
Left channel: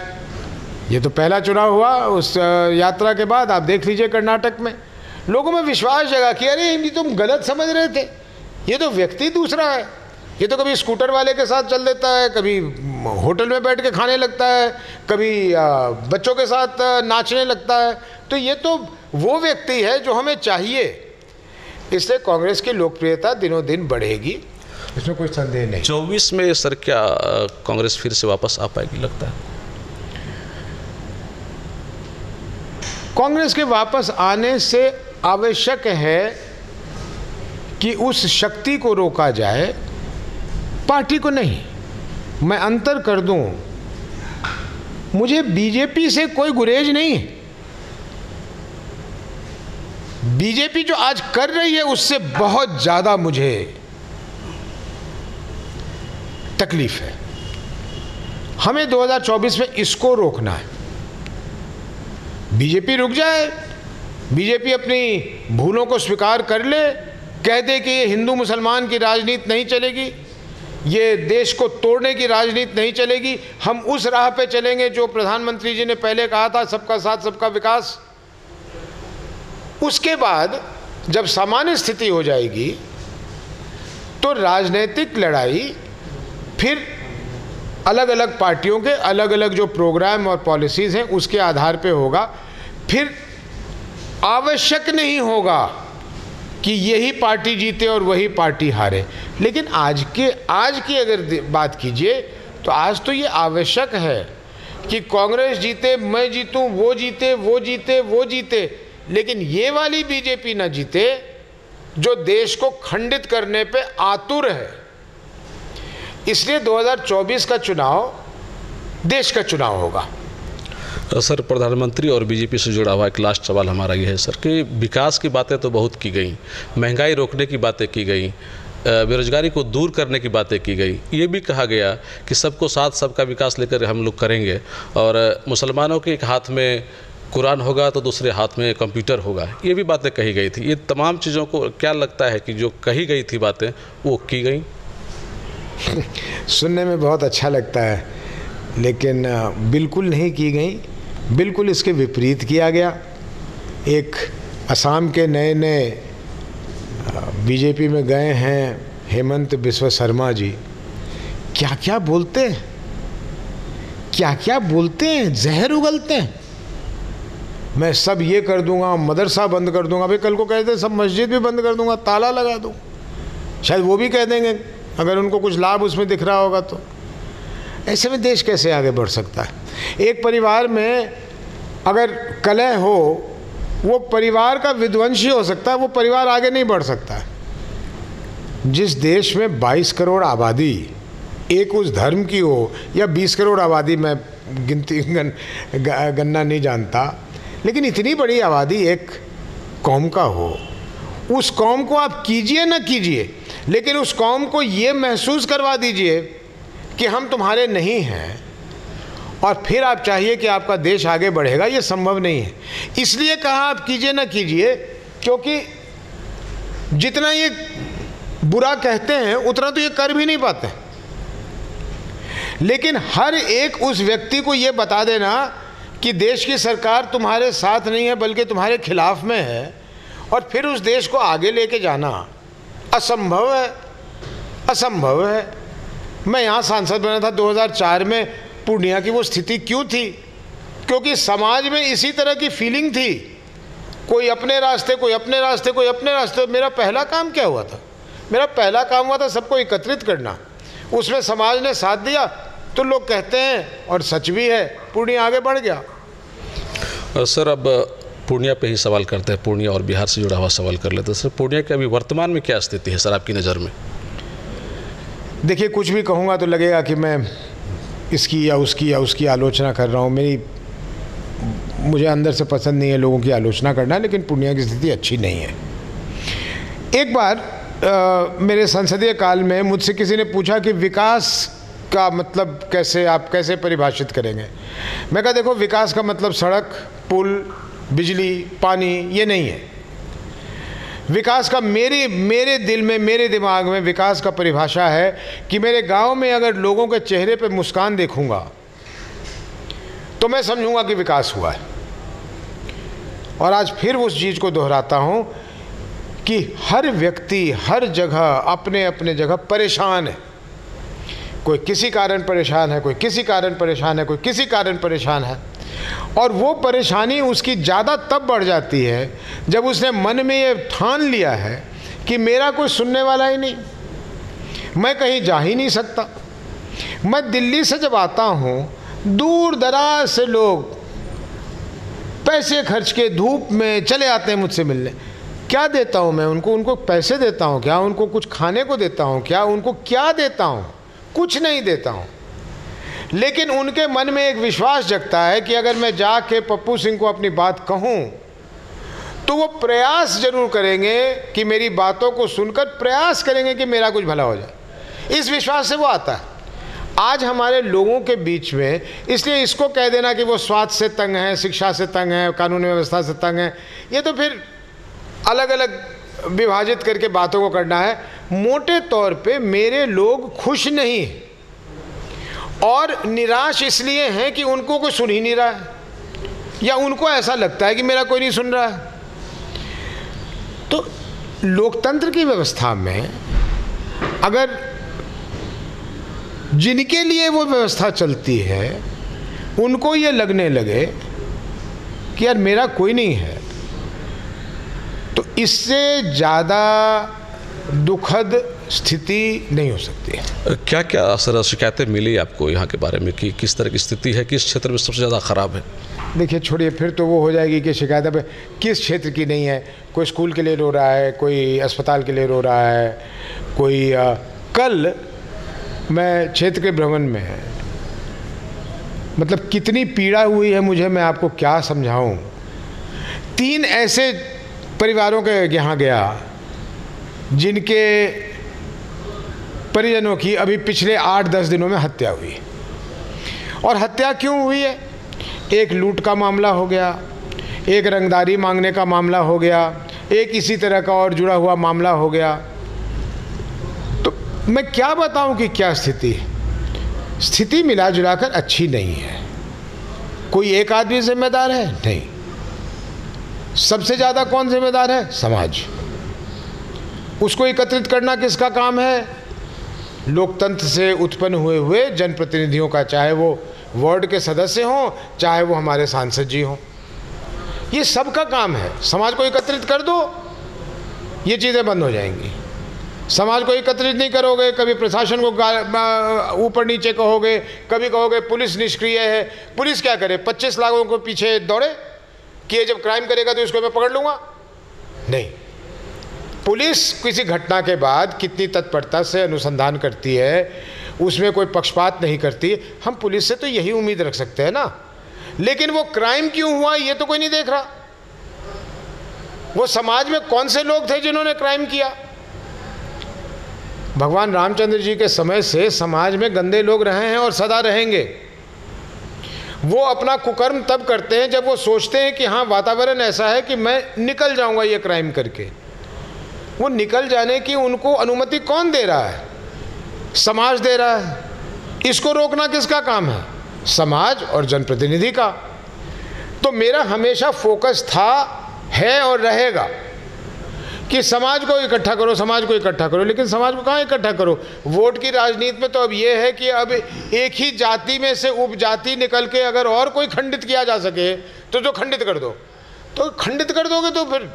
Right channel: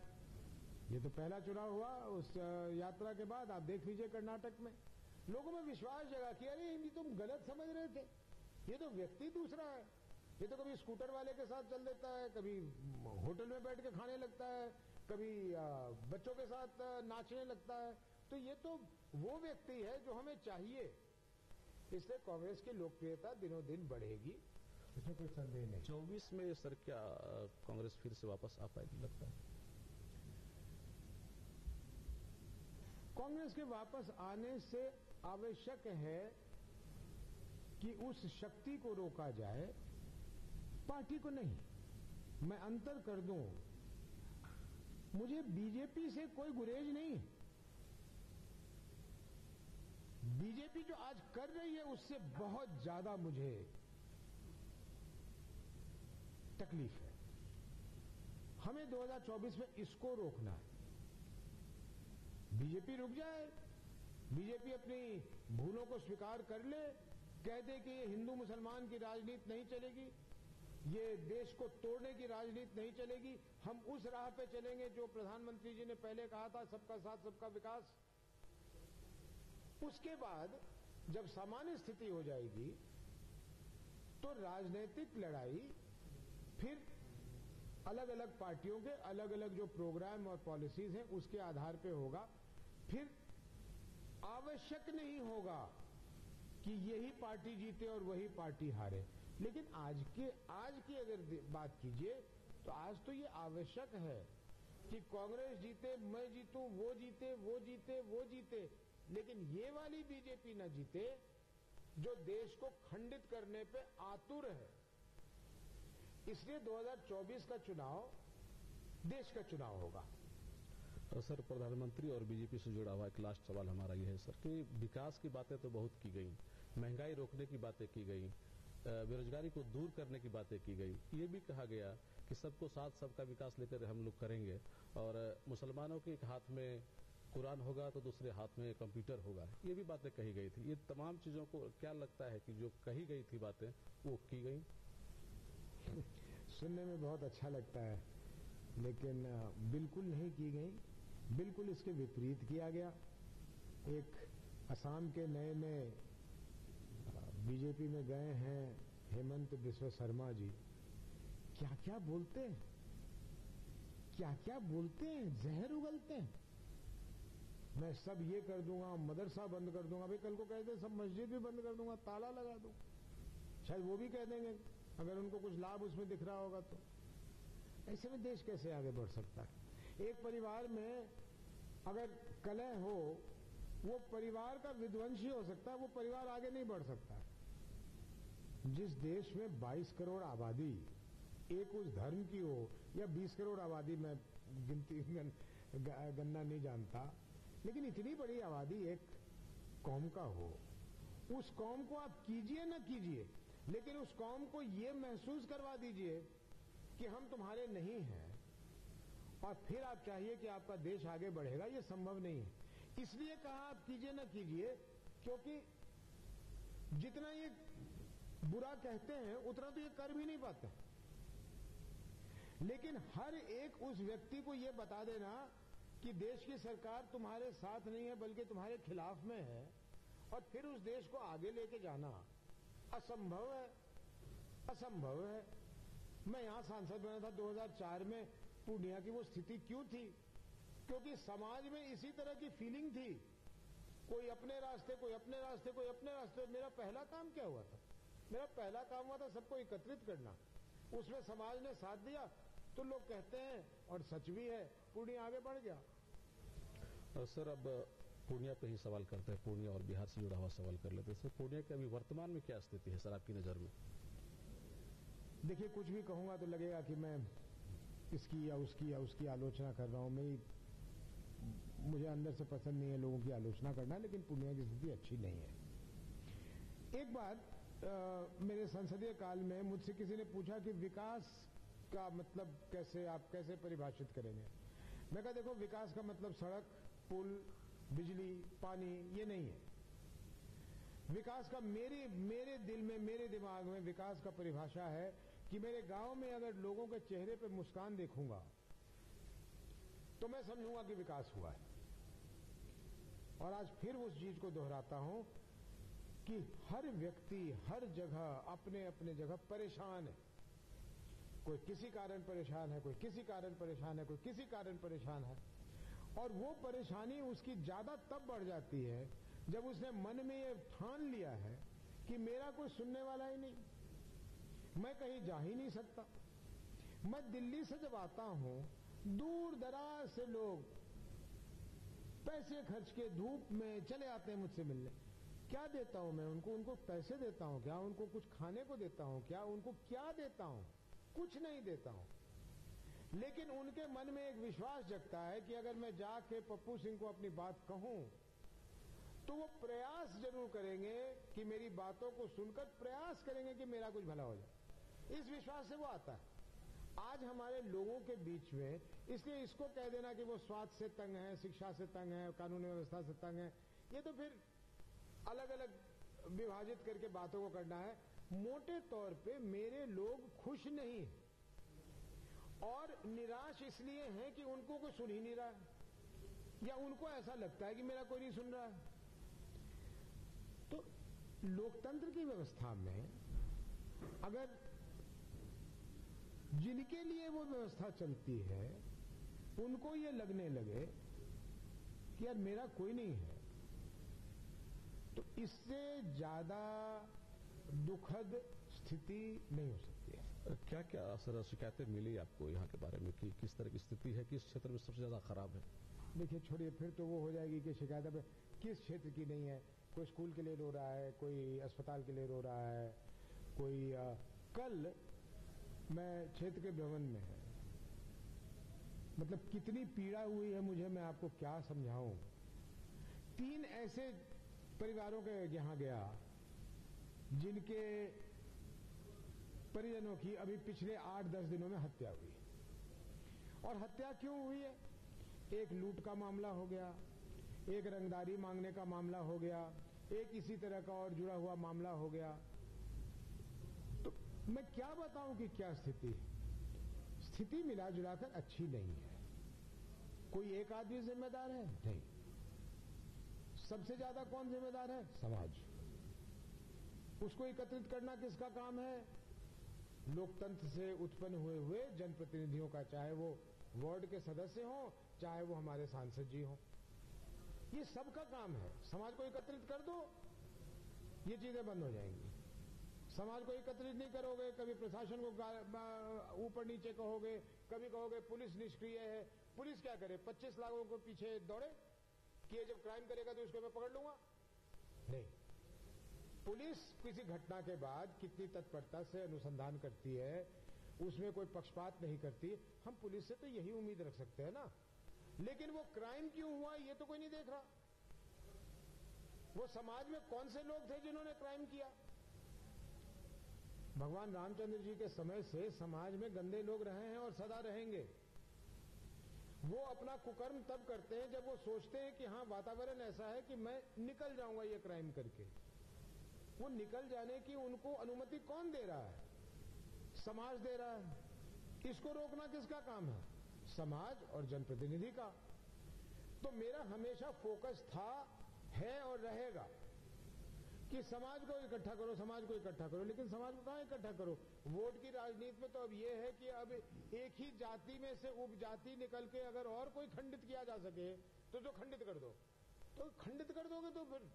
ये तो पहला चुनाव हुआ, उस यात्रा के बाद आप देख लीजिए कर्नाटक में लोगों में विश्वास जगा कि अरे ये तुम गलत समझ रहे थे, ये तो व्यक्ति दूसरा है, ये तो कभी स्कूटर वाले के साथ चल देता है, कभी होटल में बैठ के खाने लगता है, कभी बच्चों के साथ नाचने लगता है, तो ये तो वो व्यक्ति है जो हमें चाहिए। इसलिए कांग्रेस की लोकप्रियता दिनों दिन बढ़ेगी, इसमें कोई संदेह नहीं। 24 में सर क्या कांग्रेस फिर से वापस आ पाएगी लगता है? कांग्रेस के वापस आने से आवश्यक है कि उस शक्ति को रोका जाए, पार्टी को नहीं। मैं अंतर कर दूं, मुझे बीजेपी से कोई गुरेज नहीं है। बीजेपी जो आज कर रही है उससे बहुत ज्यादा मुझे तकलीफ है। हमें 2024 में इसको रोकना है। बीजेपी रुक जाए, बीजेपी अपनी भूलों को स्वीकार कर ले, कह दे कि ये हिंदू मुसलमान की राजनीति नहीं चलेगी, ये देश को तोड़ने की राजनीति नहीं चलेगी, हम उस राह पे चलेंगे जो प्रधानमंत्री जी ने पहले कहा था, सबका साथ सबका विकास। उसके बाद जब सामान्य स्थिति हो जाएगी तो राजनीतिक लड़ाई फिर अलग अलग पार्टियों के अलग अलग जो प्रोग्राम और पॉलिसीज़ हैं उसके आधार पे होगा। फिर आवश्यक नहीं होगा कि यही पार्टी जीते और वही पार्टी हारे। लेकिन आज की अगर बात कीजिए तो आज तो ये आवश्यक है कि कांग्रेस जीते, मैं जीतूं, वो जीते, वो जीते, वो जीते, लेकिन ये वाली बीजेपी ना जीते जो देश को खंडित करने पे आतुर है। इसलिए 2024 का चुनाव देश का चुनाव होगा। सर प्रधानमंत्री और बीजेपी से जुड़ा हुआ एक लास्ट सवाल हमारा ये है सर कि विकास की बातें तो बहुत की गई, महंगाई रोकने की बातें की गई, बेरोजगारी को दूर करने की बातें की गई। ये भी कहा गया कि सबको साथ सबका विकास लेकर हम लोग करेंगे, और मुसलमानों के एक हाथ में कुरान होगा तो दूसरे हाथ में कंप्यूटर होगा, ये भी बातें कही गई थी। ये तमाम चीज़ों को क्या लगता है कि जो कही गई थी बातें वो की गई? सुनने में बहुत अच्छा लगता है, लेकिन बिल्कुल नहीं की गई। बिल्कुल इसके विपरीत किया गया। एक असम के नए नए बीजेपी में गए हैं हेमंत बिस्वा शर्मा जी, क्या क्या बोलते हैं, क्या क्या बोलते हैं, जहर उगलते हैं। मैं सब ये कर दूंगा, मदरसा बंद कर दूंगा। भाई कल को कहते हैं सब मस्जिद भी बंद कर दूंगा, ताला लगा दूँ, शायद वो भी कह देंगे अगर उनको कुछ लाभ उसमें दिख रहा होगा तो। ऐसे में देश कैसे आगे बढ़ सकता है? एक परिवार में अगर कलह हो, वो परिवार का विध्वंस ही हो सकता है, वो परिवार आगे नहीं बढ़ सकता है। जिस देश में 22 करोड़ आबादी एक उस धर्म की हो, या 20 करोड़ आबादी, मैं गिनती गन्ना नहीं जानता, लेकिन इतनी बड़ी आबादी एक कौम का हो, उस कौम को आप कीजिए ना कीजिए, लेकिन उस कौम को ये महसूस करवा दीजिए कि हम तुम्हारे नहीं हैं, और फिर आप चाहिए कि आपका देश आगे बढ़ेगा। ये संभव नहीं है। इसलिए कहा आप कीजिए ना कीजिए, क्योंकि जितना ये बुरा कहते हैं उतना तो ये कर भी नहीं पाते। लेकिन हर एक उस व्यक्ति को ये बता देना कि देश की सरकार तुम्हारे साथ नहीं है बल्कि तुम्हारे खिलाफ में है, और फिर उस देश को आगे लेके जाना असंभव है, असंभव है। मैं यहाँ सांसद बना था 2004 में। पूर्णिया की वो स्थिति क्यों थी? क्योंकि समाज में इसी तरह की फीलिंग थी, कोई अपने रास्ते, कोई अपने रास्ते, कोई अपने रास्ते। मेरा पहला काम क्या हुआ था? मेरा पहला काम हुआ था सबको एकत्रित करना। उसमें समाज ने साथ दिया तो लोग कहते हैं, और सच भी है, पूर्णिया आगे बढ़ गया। सर, अब पूर्णिया पे ही सवाल करते हैं, पूर्णिया और बिहार से जुड़ा हुआ सवाल कर लेते हैं। सर, पूर्णिया की अभी वर्तमान में क्या स्थिति है सर आपकी नज़र में? देखिए, कुछ भी कहूँगा तो लगेगा कि मैं इसकी या उसकी आलोचना कर रहा हूँ। मुझे अंदर से पसंद नहीं है लोगों की आलोचना करना, लेकिन पूर्णिया की स्थिति अच्छी नहीं है। एक बार मेरे संसदीय काल में मुझसे किसी ने पूछा कि विकास का मतलब कैसे परिभाषित करेंगे। मैं कहा, देखो, विकास का मतलब सड़क, पुल, बिजली, पानी ये नहीं है। विकास का मेरे दिल में, मेरे दिमाग में विकास का परिभाषा है कि मेरे गांव में अगर लोगों के चेहरे पे मुस्कान देखूंगा तो मैं समझूंगा कि विकास हुआ है। और आज फिर उस चीज़ को दोहराता हूं कि हर व्यक्ति हर जगह अपने अपने जगह परेशान है। कोई किसी कारण परेशान है, कोई किसी कारण परेशान है, कोई किसी कारण परेशान है। और वो परेशानी उसकी ज़्यादा तब बढ़ जाती है जब उसने मन में ये ठान लिया है कि मेरा कोई सुनने वाला ही नहीं, मैं कहीं जा ही नहीं सकता। मैं दिल्ली से जब आता हूँ, दूर दराज से लोग पैसे खर्च के धूप में चले आते हैं मुझसे मिलने। क्या देता हूँ मैं उनको पैसे देता हूँ क्या? उनको कुछ खाने को देता हूँ क्या? उनको क्या देता हूँ? कुछ नहीं देता हूँ। लेकिन उनके मन में एक विश्वास जगता है कि अगर मैं जाके पप्पू सिंह को अपनी बात कहूँ तो वो प्रयास जरूर करेंगे कि मेरी बातों को सुनकर प्रयास करेंगे कि मेरा कुछ भला हो जाए। इस विश्वास से वो आता है। आज हमारे लोगों के बीच में, इसलिए इसको कह देना कि वो स्वास्थ्य से तंग है, शिक्षा से तंग है, कानून व्यवस्था से तंग है, ये तो फिर अलग अलग विभाजित करके बातों को करना है। मोटे तौर पे मेरे लोग खुश नहीं और निराश इसलिए हैं कि उनको कोई सुन ही नहीं रहा है, या उनको ऐसा लगता है कि मेरा कोई नहीं सुन रहा है। तो लोकतंत्र की व्यवस्था में अगर जिनके लिए वो व्यवस्था चलती है उनको ये लगने लगे कि यार मेरा कोई नहीं है, तो इससे ज़्यादा दुखद स्थिति नहीं हो सकती है। क्या क्या सर शिकायतें मिली आपको यहाँ के बारे में कि किस तरह की स्थिति है, किस क्षेत्र में सबसे ज़्यादा ख़राब है? देखिए, छोड़िए, फिर तो वो हो जाएगी कि शिकायत अब किस क्षेत्र की नहीं है। कोई स्कूल के लिए रो रहा है, कोई अस्पताल के लिए रो रहा है, कोई कल मैं क्षेत्र के भ्रमण में, मतलब कितनी पीड़ा हुई है मुझे, मैं आपको क्या समझाऊं। 3 ऐसे परिवारों के यहाँ गया जिनके परिजनों की अभी पिछले 8-10 दिनों में हत्या हुई। और हत्या क्यों हुई है? एक लूट का मामला हो गया, एक रंगदारी मांगने का मामला हो गया, एक इसी तरह का और जुड़ा हुआ मामला हो गया। तो मैं क्या बताऊं कि क्या स्थिति मिला जुलाकर अच्छी नहीं है। कोई एक आदमी जिम्मेदार है? नहीं। सबसे ज़्यादा कौन जिम्मेदार है? समाज। उसको एकत्रित करना किसका काम है? लोकतंत्र से उत्पन्न हुए जनप्रतिनिधियों का, चाहे वो वार्ड के सदस्य हों, चाहे वो हमारे सांसद जी हों। ये सबका काम है। समाज को एकत्रित कर दो, ये चीज़ें बंद हो जाएंगी। समाज को एकत्रित नहीं करोगे, कभी प्रशासन को ऊपर नीचे कहोगे, कभी कहोगे पुलिस निष्क्रिय है। पुलिस क्या करे? 25 लाखों को पीछे दौड़े कि ये जब क्राइम करेगा तो इसको मैं पकड़ लूँगा? नहीं। पुलिस किसी घटना के बाद कितनी तत्परता से अनुसंधान करती है, उसमें कोई पक्षपात नहीं करती। हम पुलिस से तो यही उम्मीद रख सकते हैं ना। लेकिन वो क्राइम क्यों हुआ ये तो कोई नहीं देख रहा। वो समाज में कौन से लोग थे जिन्होंने क्राइम किया? भगवान रामचंद्र जी के समय से समाज में गंदे लोग रहे हैं और सदा रहेंगे। वो अपना कुकर्म तब करते हैं जब वो सोचते हैं कि हाँ, वातावरण ऐसा है कि मैं निकल जाऊंगा ये क्राइम करके। वो निकल जाने की उनको अनुमति कौन दे रहा है? समाज दे रहा है। इसको रोकना किसका काम है? समाज और जनप्रतिनिधि का। तो मेरा हमेशा फोकस था, है और रहेगा कि समाज को इकट्ठा करो, समाज को इकट्ठा करो। लेकिन समाज को कहाँ इकट्ठा करो? वोट की राजनीति में तो अब ये है कि अब एक ही जाति में से उपजाति निकल के अगर और कोई खंडित किया जा सके तो जो खंडित कर दो। तो खंडित कर दोगे तो फिर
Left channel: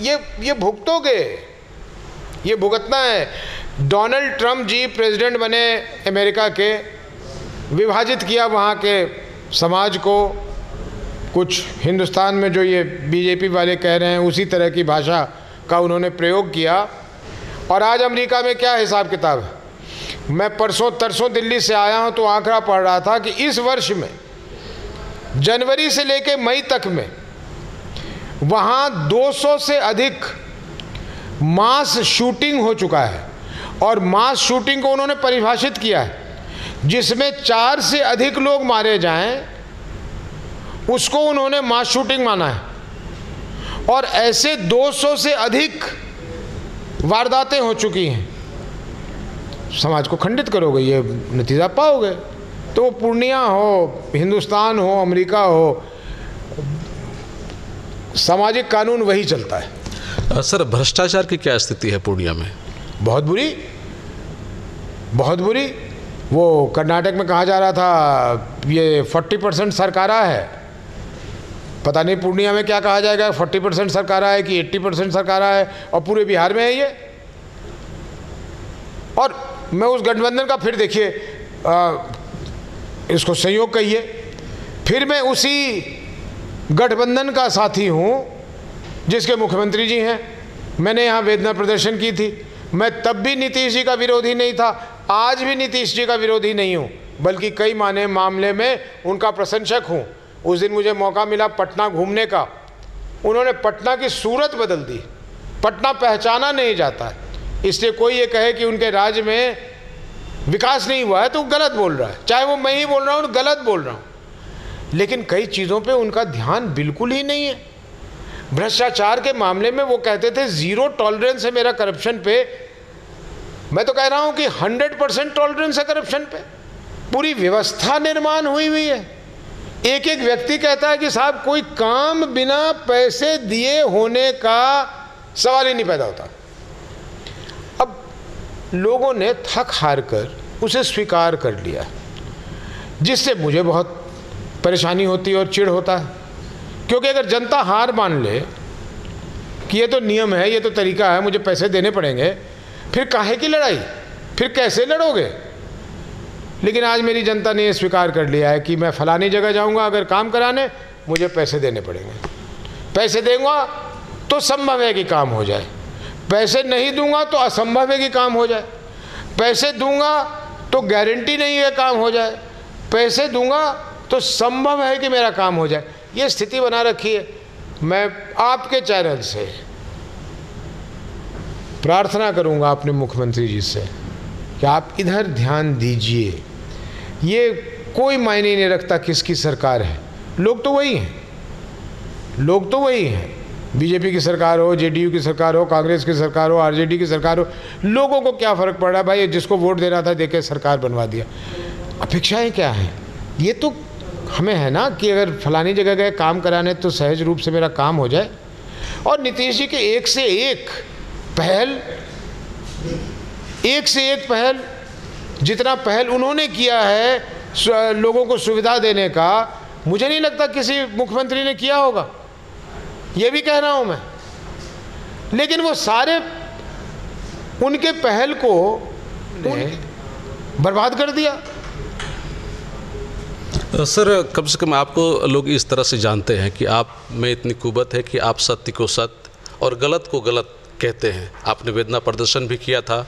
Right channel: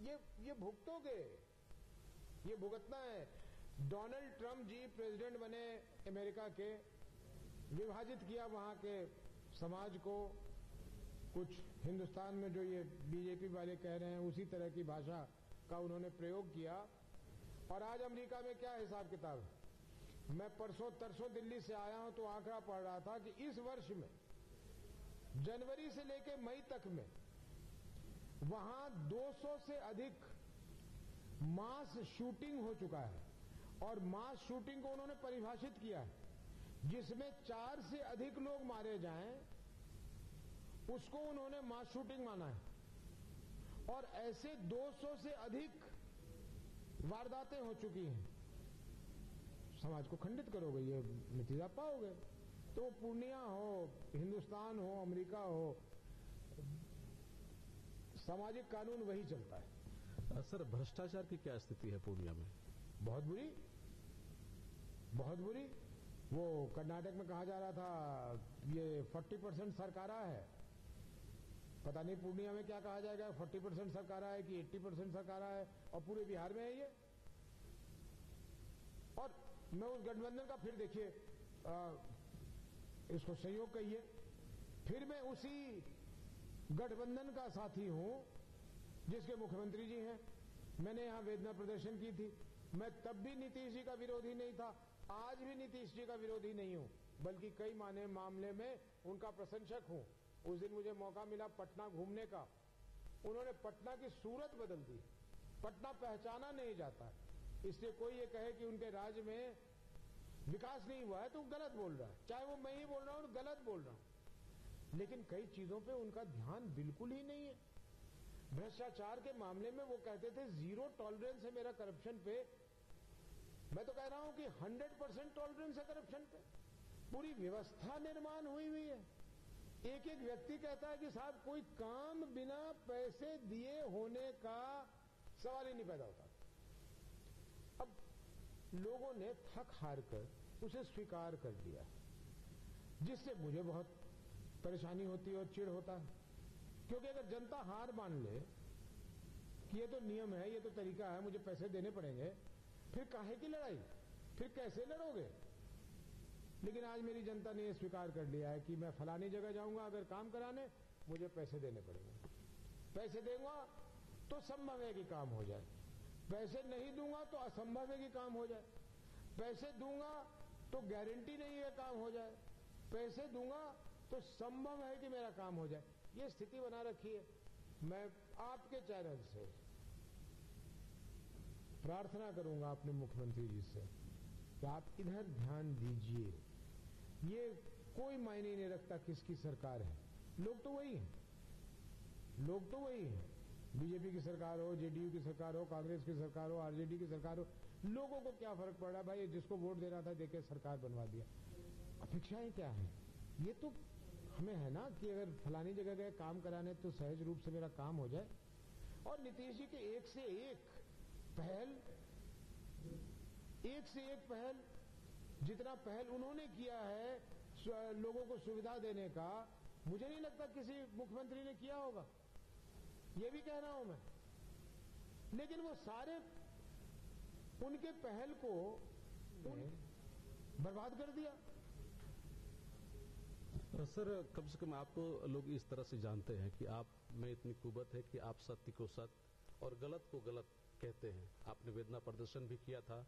ये भुगतोगे, ये भुगतना है। डोनाल्ड ट्रंप जी प्रेसिडेंट बने अमेरिका के, विभाजित किया वहाँ के समाज को। कुछ हिंदुस्तान में जो ये बीजेपी वाले कह रहे हैं उसी तरह की भाषा का उन्होंने प्रयोग किया। और आज अमेरिका में क्या हिसाब किताब है? मैं परसों तरसों दिल्ली से आया हूँ तो आंकड़ा पढ़ रहा था कि इस वर्ष में जनवरी से लेकर मई तक में वहाँ 200 से अधिक मास शूटिंग हो चुका है। और मास शूटिंग को उन्होंने परिभाषित किया है, जिसमें 4 से अधिक लोग मारे जाएं, उसको उन्होंने मास शूटिंग माना है। और ऐसे 200 से अधिक वारदातें हो चुकी हैं। समाज को खंडित करोगे, ये नतीजा पाओगे। तो वो पूर्णिया हो, हिंदुस्तान हो, अमेरिका हो, सामाजिक कानून वही चलता है। सर, भ्रष्टाचार की क्या स्थिति है पूर्णिया में? बहुत बुरी, बहुत बुरी। वो कर्नाटक में कहा जा रहा था ये 40% सरकारा है। पता नहीं पूर्णिया में क्या कहा जाएगा, 40% सरकारा है कि 80% सरकारा है। और पूरे बिहार में है ये। और मैं उस गठबंधन का, फिर देखिए, इसको संयोग कहिए, फिर मैं उसी गठबंधन का साथी हूँ जिसके मुख्यमंत्री जी हैं। मैंने यहाँ वेदना प्रदर्शन की थी। मैं तब भी नीतीश जी का विरोधी नहीं था, आज भी नीतीश जी का विरोधी नहीं हूँ, बल्कि कई मामले में उनका प्रशंसक हूँ। उस दिन मुझे मौका मिला पटना घूमने का। उन्होंने पटना की सूरत बदल दी। पटना पहचाना नहीं जाता है। इसलिए कोई ये कहे कि उनके राज्य में विकास नहीं हुआ है तो गलत बोल रहा है। चाहे वो मैं ही बोल रहा हूँ, गलत बोल रहा हूँ। लेकिन कई चीज़ों पे उनका ध्यान बिल्कुल ही नहीं है। भ्रष्टाचार के मामले में वो कहते थे 0 टॉलरेंस है मेरा करप्शन पे। मैं तो कह रहा हूँ कि 100% टॉलरेंस है करप्शन पे। पूरी व्यवस्था निर्माण हुई है। एक एक व्यक्ति कहता है कि साहब कोई काम बिना पैसे दिए होने का सवाल ही नहीं पैदा होता। अब लोगों ने थक हार कर उसे स्वीकार कर लिया, जिससे मुझे बहुत परेशानी होती है और चिढ़ होता है। क्योंकि अगर जनता हार मान ले कि ये तो नियम है, ये तो तरीका है, मुझे पैसे देने पड़ेंगे, फिर काहे की लड़ाई? फिर कैसे लड़ोगे? लेकिन आज मेरी जनता ने ये स्वीकार कर लिया है कि मैं फलानी जगह जाऊंगा, अगर काम कराने मुझे पैसे देने पड़ेंगे। पैसे दूंगा तो संभव है कि काम हो जाए, पैसे नहीं दूंगा तो असंभव है कि काम हो जाए, पैसे दूंगा तो गारंटी नहीं है काम हो जाए, पैसे दूंगा तो संभव है कि मेरा काम हो जाए। ये स्थिति बना रखी है। मैं आपके चैनल से प्रार्थना करूंगा अपने मुख्यमंत्री जी से कि आप इधर ध्यान दीजिए। ये कोई मायने नहीं रखता किसकी सरकार है, लोग तो वही हैं, लोग तो वही हैं। बीजेपी की सरकार हो, जेडीयू की सरकार हो, कांग्रेस की सरकार हो, आरजेडी की सरकार हो, लोगों को क्या फ़र्क पड़ रहा है भाई, जिसको वोट देना था देके सरकार बनवा दिया। अपेक्षाएं क्या हैं? ये तो हमें है ना कि अगर फलानी जगह गए काम कराने तो सहज रूप से मेरा काम हो जाए। और नीतीश जी के एक से एक पहल, जितना पहल उन्होंने किया है लोगों को सुविधा देने का, मुझे नहीं लगता किसी मुख्यमंत्री ने किया होगा, ये भी कह रहा हूं मैं। लेकिन वो सारे उनके पहल को बर्बाद कर दिया। सर, कम से कम आपको लोग इस तरह से जानते हैं कि आप में इतनी कुवत है कि आप सत्य को सत्य और गलत को गलत कहते हैं। आपने वेदना प्रदर्शन भी किया था,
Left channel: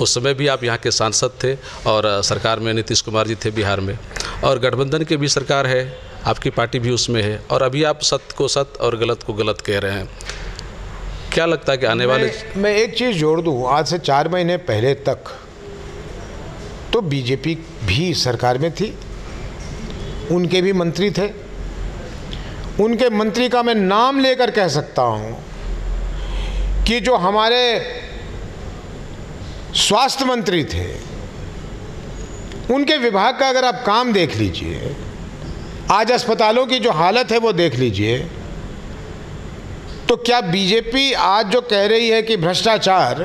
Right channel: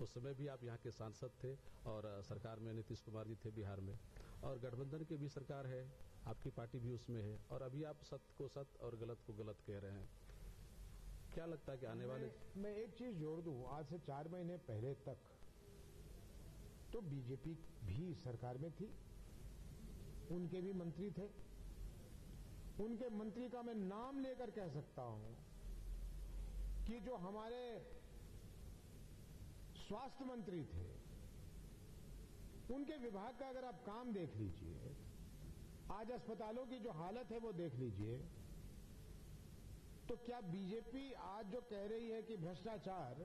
उस समय भी आप यहाँ के सांसद थे और सरकार में नीतीश कुमार जी थे बिहार में, और गठबंधन की भी सरकार है, आपकी पार्टी भी उसमें है, और अभी आप सत्य को सत्य और गलत को गलत कह रहे हैं। क्या लगता है कि आने वाले मैं एक चीज़ जोड़ दूँ, आज से 4 महीने पहले तक तो बीजेपी भी सरकार में थी, उनके भी मंत्री थे। उनके मंत्री का मैं नाम लेकर कह सकता हूं कि जो हमारे स्वास्थ्य मंत्री थे, उनके विभाग का अगर आप काम देख लीजिए, आज अस्पतालों की जो हालत है वो देख लीजिए, तो क्या बीजेपी आज जो कह रही है कि भ्रष्टाचार,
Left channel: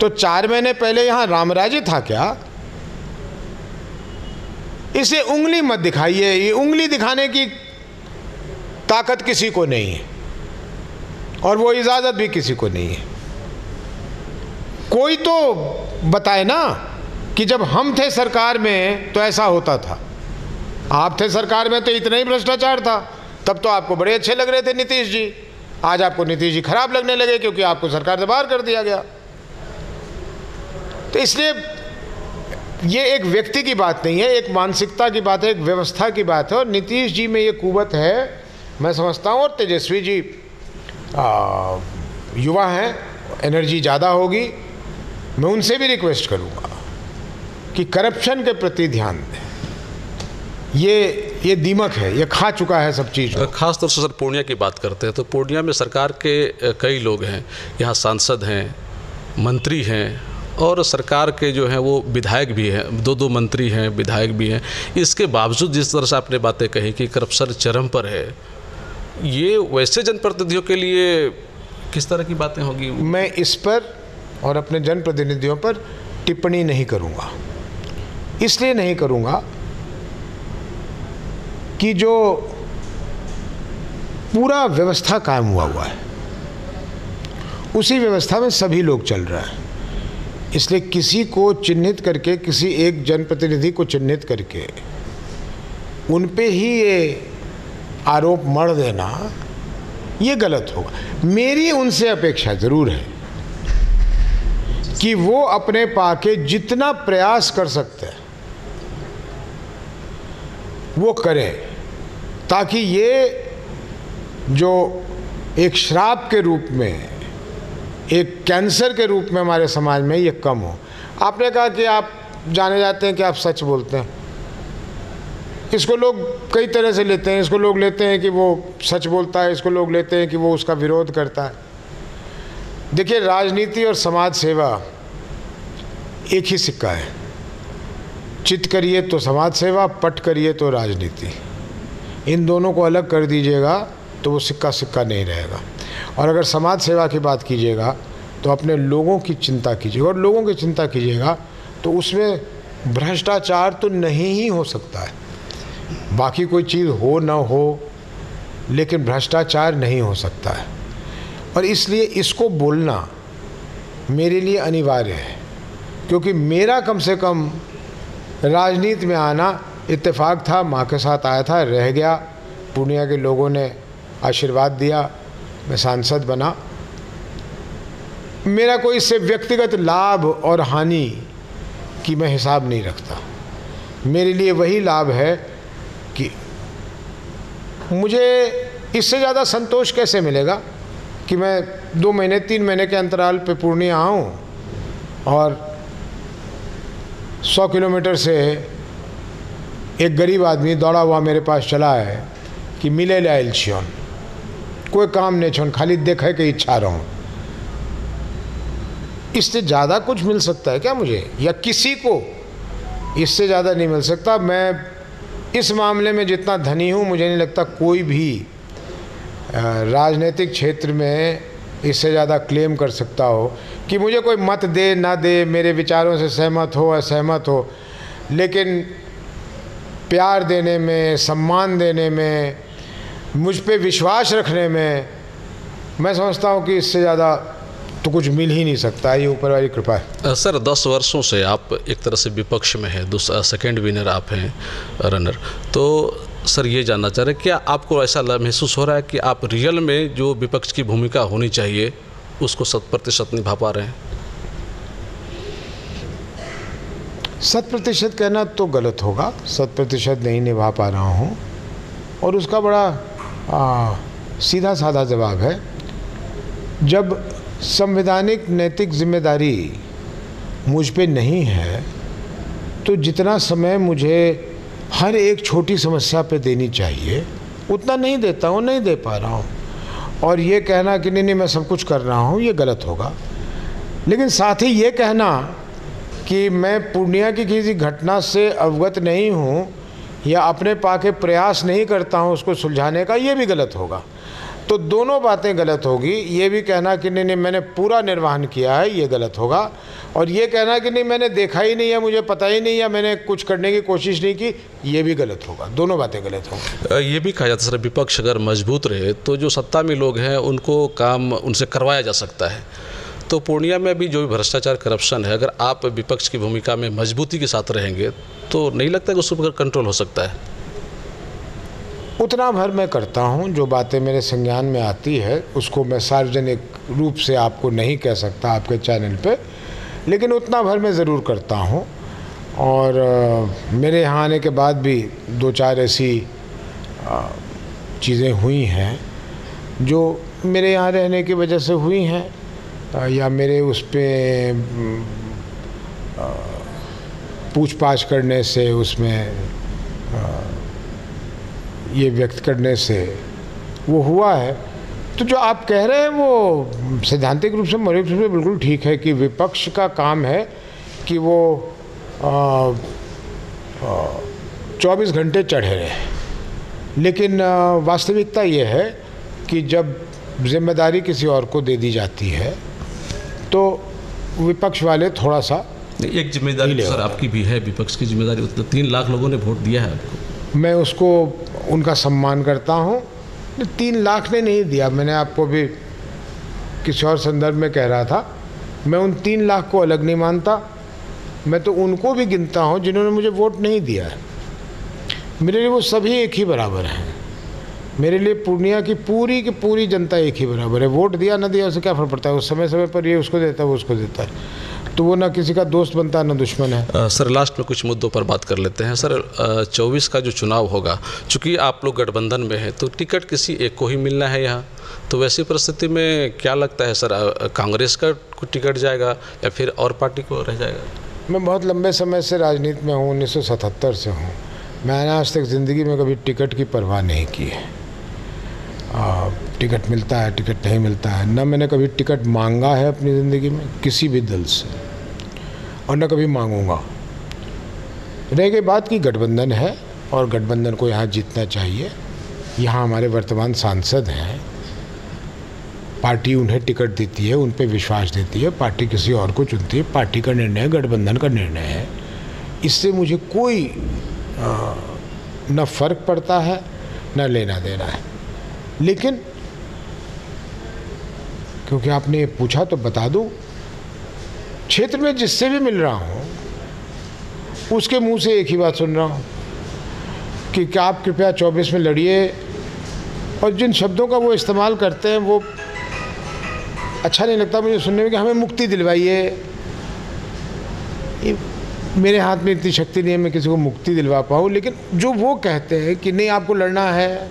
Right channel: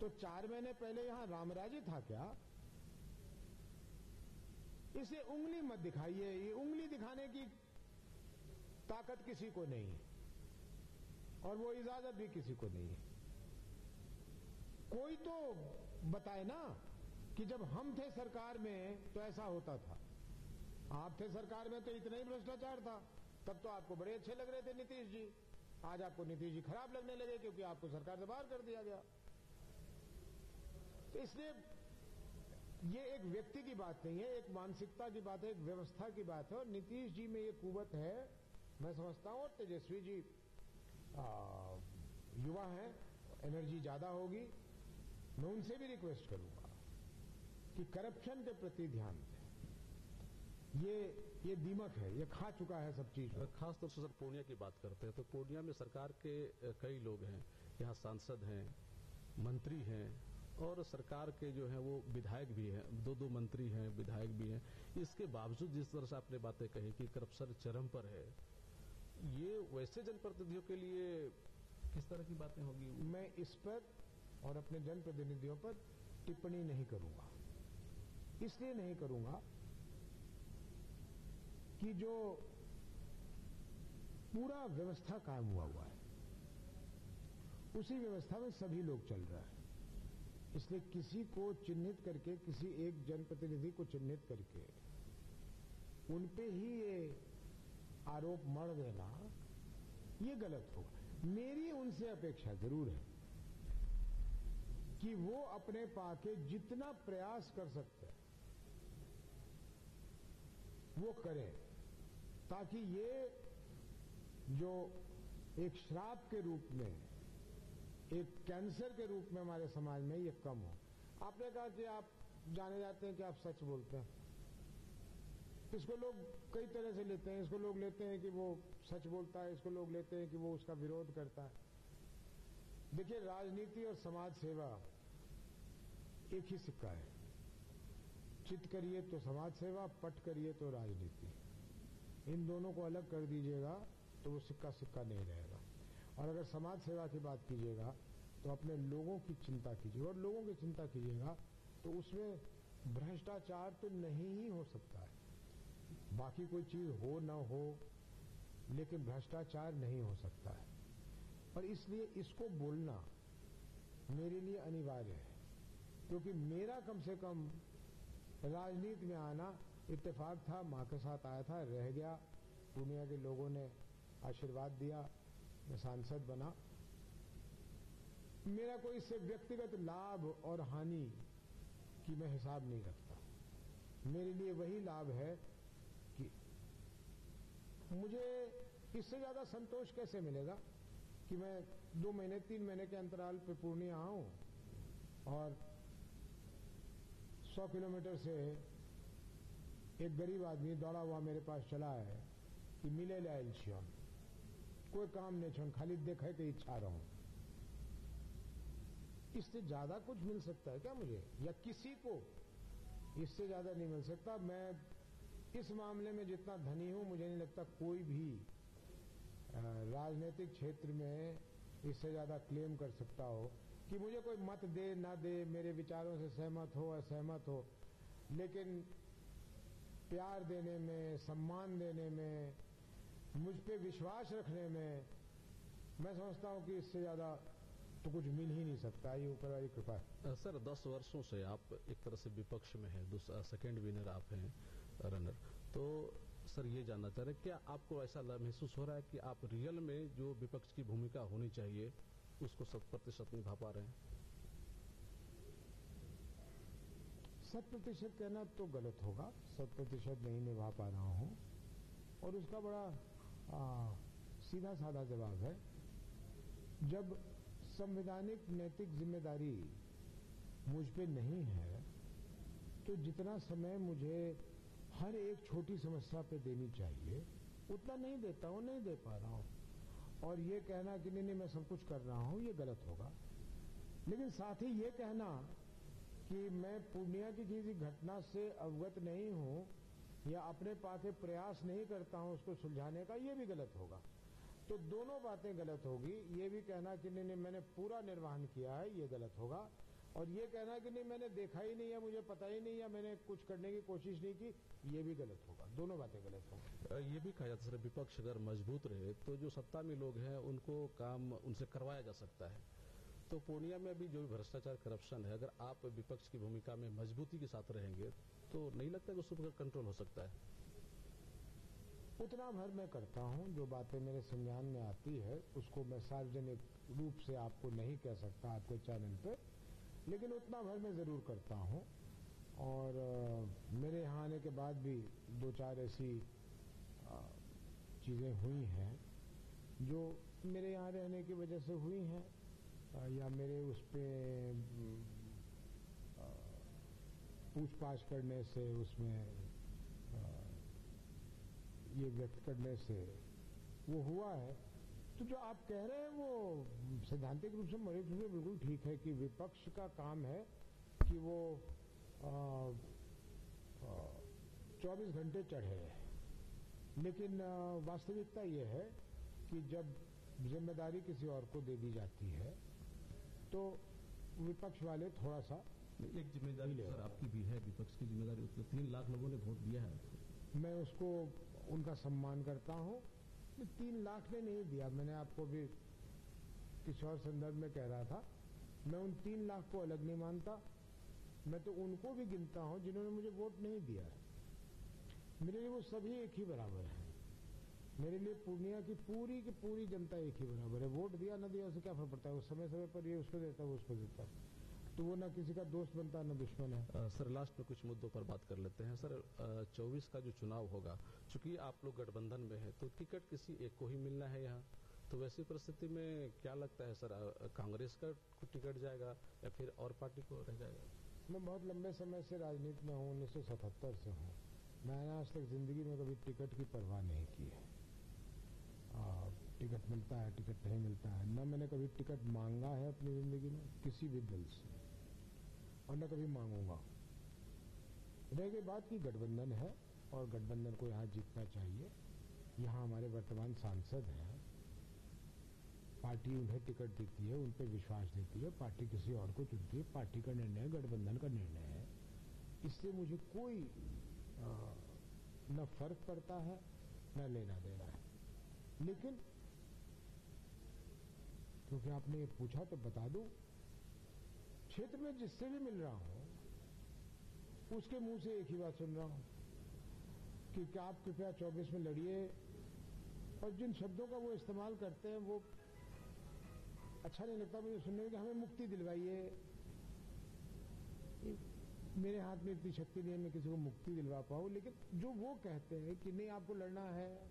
तो 4 महीने पहले यहां रामराज्य था क्या? इसे उंगली मत दिखाइए, ये उंगली दिखाने की ताकत किसी को नहीं है और वो इजाज़त भी किसी को नहीं है। कोई तो बताए ना कि जब हम थे सरकार में तो ऐसा होता था। आप थे सरकार में तो इतना ही भ्रष्टाचार था, तब तो आपको बड़े अच्छे लग रहे थे नीतीश जी। आज आपको नीतीश जी खराब लगने लगे क्योंकि आपको सरकार से बाहर कर दिया गया। तो इसलिए ये एक व्यक्ति की बात नहीं है, एक मानसिकता की बात है, एक व्यवस्था की बात है। और नीतीश जी में ये कुवत है, मैं समझता हूँ। और तेजस्वी जी युवा हैं, एनर्जी ज़्यादा होगी। मैं उनसे भी रिक्वेस्ट करूँगा कि करप्शन के प्रति ध्यान दें। ये दीमक है, ये खा चुका है सब चीज़। खास तौर से सर पूर्णिया की बात करते हैं तो पूर्णिया में सरकार के कई लोग हैं, यहाँ सांसद हैं, मंत्री हैं, और सरकार के जो हैं वो विधायक भी हैं, 2 मंत्री हैं, विधायक भी हैं। इसके बावजूद जिस तरह से आपने बातें कही कि करप्शन चरम पर है, ये वैसे जनप्रतिनिधियों के लिए किस तरह की बातें होगी? मैं इस पर और अपने जनप्रतिनिधियों पर टिप्पणी नहीं करूँगा। इसलिए नहीं करूँगा कि जो पूरा व्यवस्था कायम हुआ है, उसी व्यवस्था में सभी लोग चल रहे हैं। इसलिए किसी को चिन्हित करके, किसी एक जनप्रतिनिधि को चिन्हित करके उन पे ही ये आरोप मढ़ देना, ये गलत होगा। मेरी उनसे अपेक्षा ज़रूर है कि वो अपने पाके जितना प्रयास कर सकते हैं वो करें, ताकि ये जो एक श्राप के रूप में, एक कैंसर के रूप में हमारे समाज में ये कम हो। आपने कहा कि आप जाने जाते हैं कि आप सच बोलते हैं। इसको लोग कई तरह से लेते हैं। इसको लोग लेते हैं कि वो सच बोलता है, इसको लोग लेते हैं कि वो उसका विरोध करता है। देखिए, राजनीति और समाज सेवा एक ही सिक्का है। चित करिए तो समाज सेवा, पट करिए तो राजनीति। इन दोनों को अलग कर दीजिएगा तो वो सिक्का सिक्का नहीं रहेगा। और अगर समाज सेवा की बात कीजिएगा तो अपने लोगों की चिंता कीजिएगा, और लोगों की चिंता कीजिएगा तो उसमें भ्रष्टाचार तो नहीं ही हो सकता है। बाकी कोई चीज़ हो ना हो, लेकिन भ्रष्टाचार नहीं हो सकता है। और इसलिए इसको बोलना मेरे लिए अनिवार्य है, क्योंकि मेरा कम से कम राजनीति में आना इत्तेफाक था। माँ के साथ आया था, रह गया। पूर्णिया के लोगों ने आशीर्वाद दिया, मैं सांसद बना। मेरा कोई इससे व्यक्तिगत लाभ और हानि की मैं हिसाब नहीं रखता। मेरे लिए वही लाभ है कि मुझे इससे ज़्यादा संतोष कैसे मिलेगा कि मैं 2 महीने 3 महीने के अंतराल पे पूर्णिया आऊँ और 100 किलोमीटर से एक गरीब आदमी दौड़ा हुआ मेरे पास चला है कि मिले लाइल छियोन, कोई काम नहीं छोन, खाली देखे के इच्छा रहूं। इससे ज़्यादा कुछ मिल सकता है क्या मुझे या किसी को? इससे ज़्यादा नहीं मिल सकता। मैं इस मामले में जितना धनी हूँ, मुझे नहीं लगता कोई भी राजनीतिक क्षेत्र में इससे ज़्यादा क्लेम कर सकता हो कि मुझे कोई मत दे ना दे, मेरे विचारों से सहमत हो असहमत हो, लेकिन प्यार देने में, सम्मान देने में, मुझ पे विश्वास रखने में मैं समझता हूँ कि इससे ज़्यादा तो कुछ मिल ही नहीं सकता। ये ऊपर वाली कृपा है। सर 10 वर्षों से आप एक तरह से विपक्ष में हैं, दूसरा सेकंड विनर आप हैं, रनर। तो सर ये जानना चाह रहे हैं, क्या आपको ऐसा महसूस हो रहा है कि आप रियल में जो विपक्ष की भूमिका होनी चाहिए उसको 100% निभा पा रहे हैं? 100% कहना तो गलत होगा, 100% नहीं निभा पा रहा हूँ। और उसका बड़ा सीधा साधा जवाब है, जब संवैधानिक नैतिक जिम्मेदारी मुझ पे नहीं है तो जितना समय मुझे हर एक छोटी समस्या पे देनी चाहिए उतना नहीं देता हूँ, नहीं दे पा रहा हूँ। और ये कहना कि नहीं मैं सब कुछ कर रहा हूँ, ये गलत होगा। लेकिन साथ ही ये कहना कि मैं पूर्णिया की किसी घटना से अवगत नहीं हूँ या अपने पाके प्रयास नहीं करता हूँ उसको सुलझाने का, ये भी गलत होगा। तो दोनों बातें गलत होगी। ये भी कहना कि नहीं मैंने पूरा निर्वहन किया है, ये गलत होगा। और ये कहना कि नहीं मैंने देखा ही नहीं है, मुझे पता ही नहीं है, मैंने कुछ करने की कोशिश नहीं की, ये भी गलत होगा। दोनों बातें गलत होंगी। ये भी कहा जाता है सर, विपक्ष अगर मजबूत रहे तो जो सत्ता में लोग हैं उनको काम उनसे करवाया जा सकता है। तो पूर्णिया में भी जो भी भ्रष्टाचार करप्शन है, अगर आप विपक्ष की भूमिका में मजबूती के साथ रहेंगे तो नहीं लगता कि उस पर कंट्रोल हो सकता है? उतना भर मैं करता हूँ, जो बातें मेरे संज्ञान में आती है उसको मैं सार्वजनिक रूप से आपको नहीं कह सकता आपके चैनल पे, लेकिन उतना भर मैं ज़रूर करता हूँ। और मेरे यहाँ आने के बाद भी 2-4 ऐसी चीज़ें हुई हैं जो मेरे यहाँ रहने की वजह से हुई हैं या मेरे उस पर पूछ-पाछ करने से, उसमें ये व्यक्त करने से वो हुआ है। तो जो आप कह रहे हैं वो सैद्धांतिक रूप से, मौलिक रूप से बिल्कुल ठीक है कि विपक्ष का काम है कि वो 24 घंटे चढ़े रहे। लेकिन वास्तविकता ये है कि जब जिम्मेदारी किसी और को दे दी जाती है तो विपक्ष वाले थोड़ा सा एक जिम्मेदारी सर आपकी भी है, विपक्ष की जिम्मेदारी। 3 लाख लोगों ने वोट दिया है आपको, मैं उसको उनका सम्मान करता हूँ। 3 लाख ने नहीं दिया, मैंने आपको भी किसी और संदर्भ में कह रहा था, मैं उन 3 लाख को अलग नहीं मानता, मैं तो उनको भी गिनता हूँ जिन्होंने मुझे वोट नहीं दिया है। मेरे लिए वो सभी एक ही बराबर हैं। मेरे लिए पूर्णिया की पूरी जनता एक ही बराबर है। वोट दिया ना दिया उससे क्या फ़र्क पड़ता है, उस समय पर ये उसको देता है वो उसको देता है, तो वो ना किसी का दोस्त बनता है ना दुश्मन है। सर लास्ट में कुछ मुद्दों पर बात कर लेते हैं। सर 24 का जो चुनाव होगा, चूँकि आप लोग गठबंधन में हैं तो टिकट किसी एक को ही मिलना है यहाँ, तो वैसी परिस्थिति में क्या लगता है सर, कांग्रेस का टिकट जाएगा या फिर और पार्टी को रह जाएगा? मैं बहुत लंबे समय से राजनीति में हूँ, 1977 से हूँ। मैंने आज तक ज़िंदगी में कभी टिकट की परवाह नहीं की है। टिकट मिलता है, टिकट नहीं मिलता है, न मैंने कभी टिकट मांगा है अपनी ज़िंदगी में किसी भी दल से, और न कभी मांगूंगा। रह गई बात की गठबंधन है और गठबंधन को यहाँ जीतना चाहिए। यहाँ हमारे वर्तमान सांसद हैं, पार्टी उन्हें टिकट देती है, उन पे विश्वास देती है, पार्टी किसी और को चुनती है, पार्टी का निर्णय है, गठबंधन का निर्णय है। इससे मुझे कोई न फर्क पड़ता है न लेना देना है। लेकिन क्योंकि आपने ये पूछा तो बता दूं, क्षेत्र में जिससे भी मिल रहा हूं उसके मुंह से एक ही बात सुन रहा हूं कि क्या आप कृपया 24 में लड़िए, और जिन शब्दों का वो इस्तेमाल करते हैं वो अच्छा नहीं लगता मुझे सुनने में, कि हमें मुक्ति दिलवाइए। मेरे हाथ में इतनी शक्ति नहीं है मैं किसी को मुक्ति दिलवा पाऊँ, लेकिन जो वो कहते हैं कि नहीं आपको लड़ना है,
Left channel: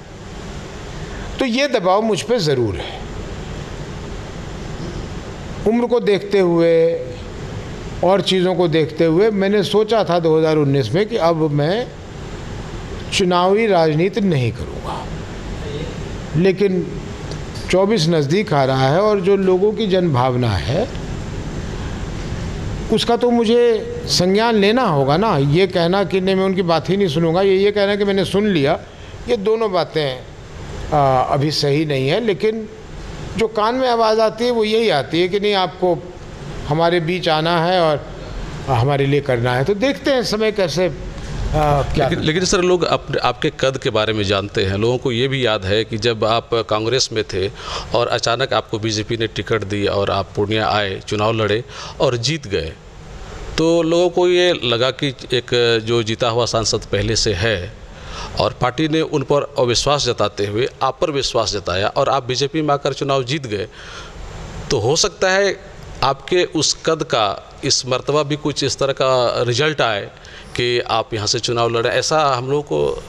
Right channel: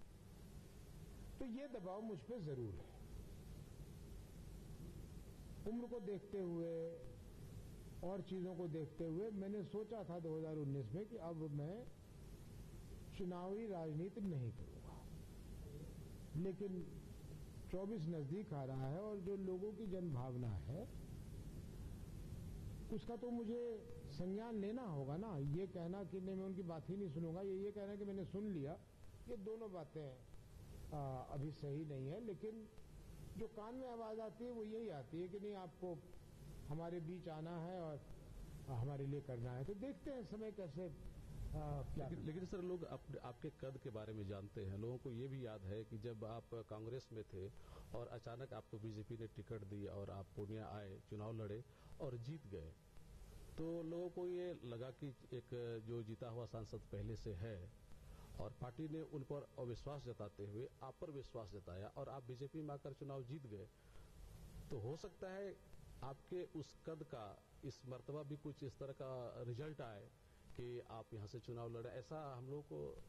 तो ये दबाव मुझ पे ज़रूर है। उम्र को देखते हुए और चीज़ों को देखते हुए मैंने सोचा था 2019 में कि अब मैं चुनावी राजनीति नहीं करूँगा, लेकिन 24 नज़दीक आ रहा है और जो लोगों की जनभावना है उसका तो मुझे संज्ञान लेना होगा ना। ये कहना कि नहीं मैं उनकी बात ही नहीं सुनूंगा, ये कहना कि मैंने सुन लिया, ये दोनों बातें अभी सही नहीं है। लेकिन जो कान में आवाज़ आती है वो यही आती है कि नहीं आपको हमारे बीच आना है और हमारे लिए करना है। तो देखते हैं समय कैसे क्या। लेकिन सर लोग आपके कद के बारे में जानते हैं। लोगों को ये भी याद है कि जब आप कांग्रेस में थे और अचानक आपको बीजेपी ने टिकट दी और आप पूर्णिया आए, चुनाव लड़े और जीत गए, तो लोगों को ये लगा कि एक जो जीता हुआ सांसद पहले से है और पार्टी ने उन पर अविश्वास जताते हुए आप पर विश्वास जताया और आप बीजेपी में आकर चुनाव जीत गए। तो हो सकता है आपके उस कद का इस मर्तबा भी कुछ इस तरह का रिजल्ट आए कि आप यहाँ से चुनाव लड़े, ऐसा हम लोगों को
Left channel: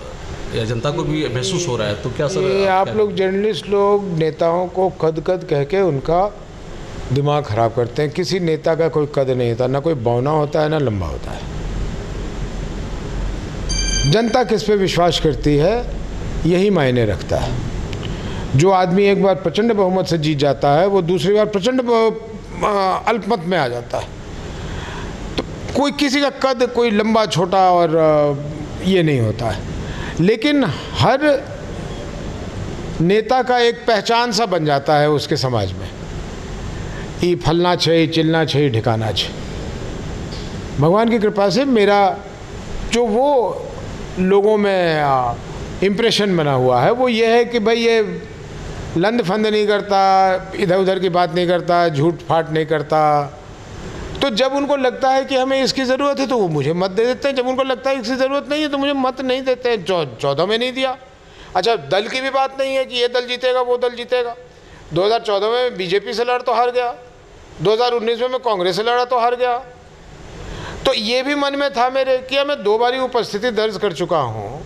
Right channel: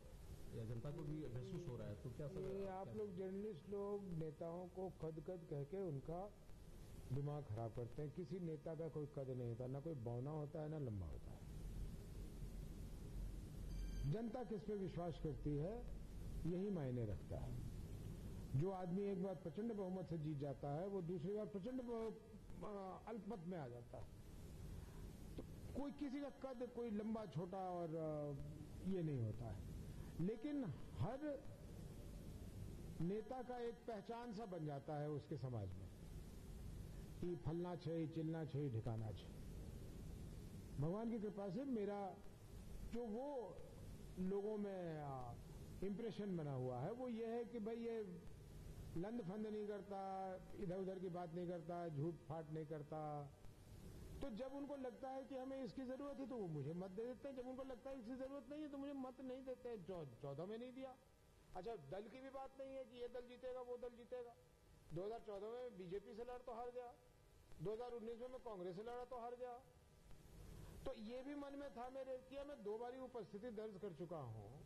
या जनता को भी महसूस हो रहा है। तो क्या सर ये आप लोग जर्नलिस्ट लोग नेताओं को कद कह के उनका दिमाग खराब करते हैं। किसी नेता का कोई कद नहीं होता, ना कोई बौना होता है ना लंबा होता है। जनता किस पे विश्वास करती है यही मायने रखता है। जो आदमी एक बार प्रचंड बहुमत से जीत जाता है वो दूसरी बार प्रचंड अल्पमत में आ जाता है। तो कोई किसी का कद कोई लंबा छोटा और ये नहीं होता है, लेकिन हर नेता का एक पहचान सा बन जाता है उसके समाज में, ई फलना छे चिलना छे ठिकाना छे। भगवान की कृपा से मेरा जो वो लोगों में इम्प्रेशन बना हुआ है वो ये है कि भाई ये लंद फंद नहीं करता, इधर उधर की बात नहीं करता, झूठ फाट नहीं करता। तो जब उनको लगता है कि हमें इसकी ज़रूरत है तो वो मुझे मत दे देते हैं, जब उनको लगता है इसकी ज़रूरत नहीं है तो मुझे मत नहीं देते हैं। 14 में नहीं दिया। अच्छा, दल की भी बात नहीं है कि ये दल जीतेगा वो दल जीतेगा। 2014 में बीजेपी से लड़ तो हार गया, 2019 में मैं कांग्रेस से लड़ा तो हार गया। तो ये भी मन में था मेरे कि मैं 2 बारी उपस्थिति दर्ज कर चुका हूँ,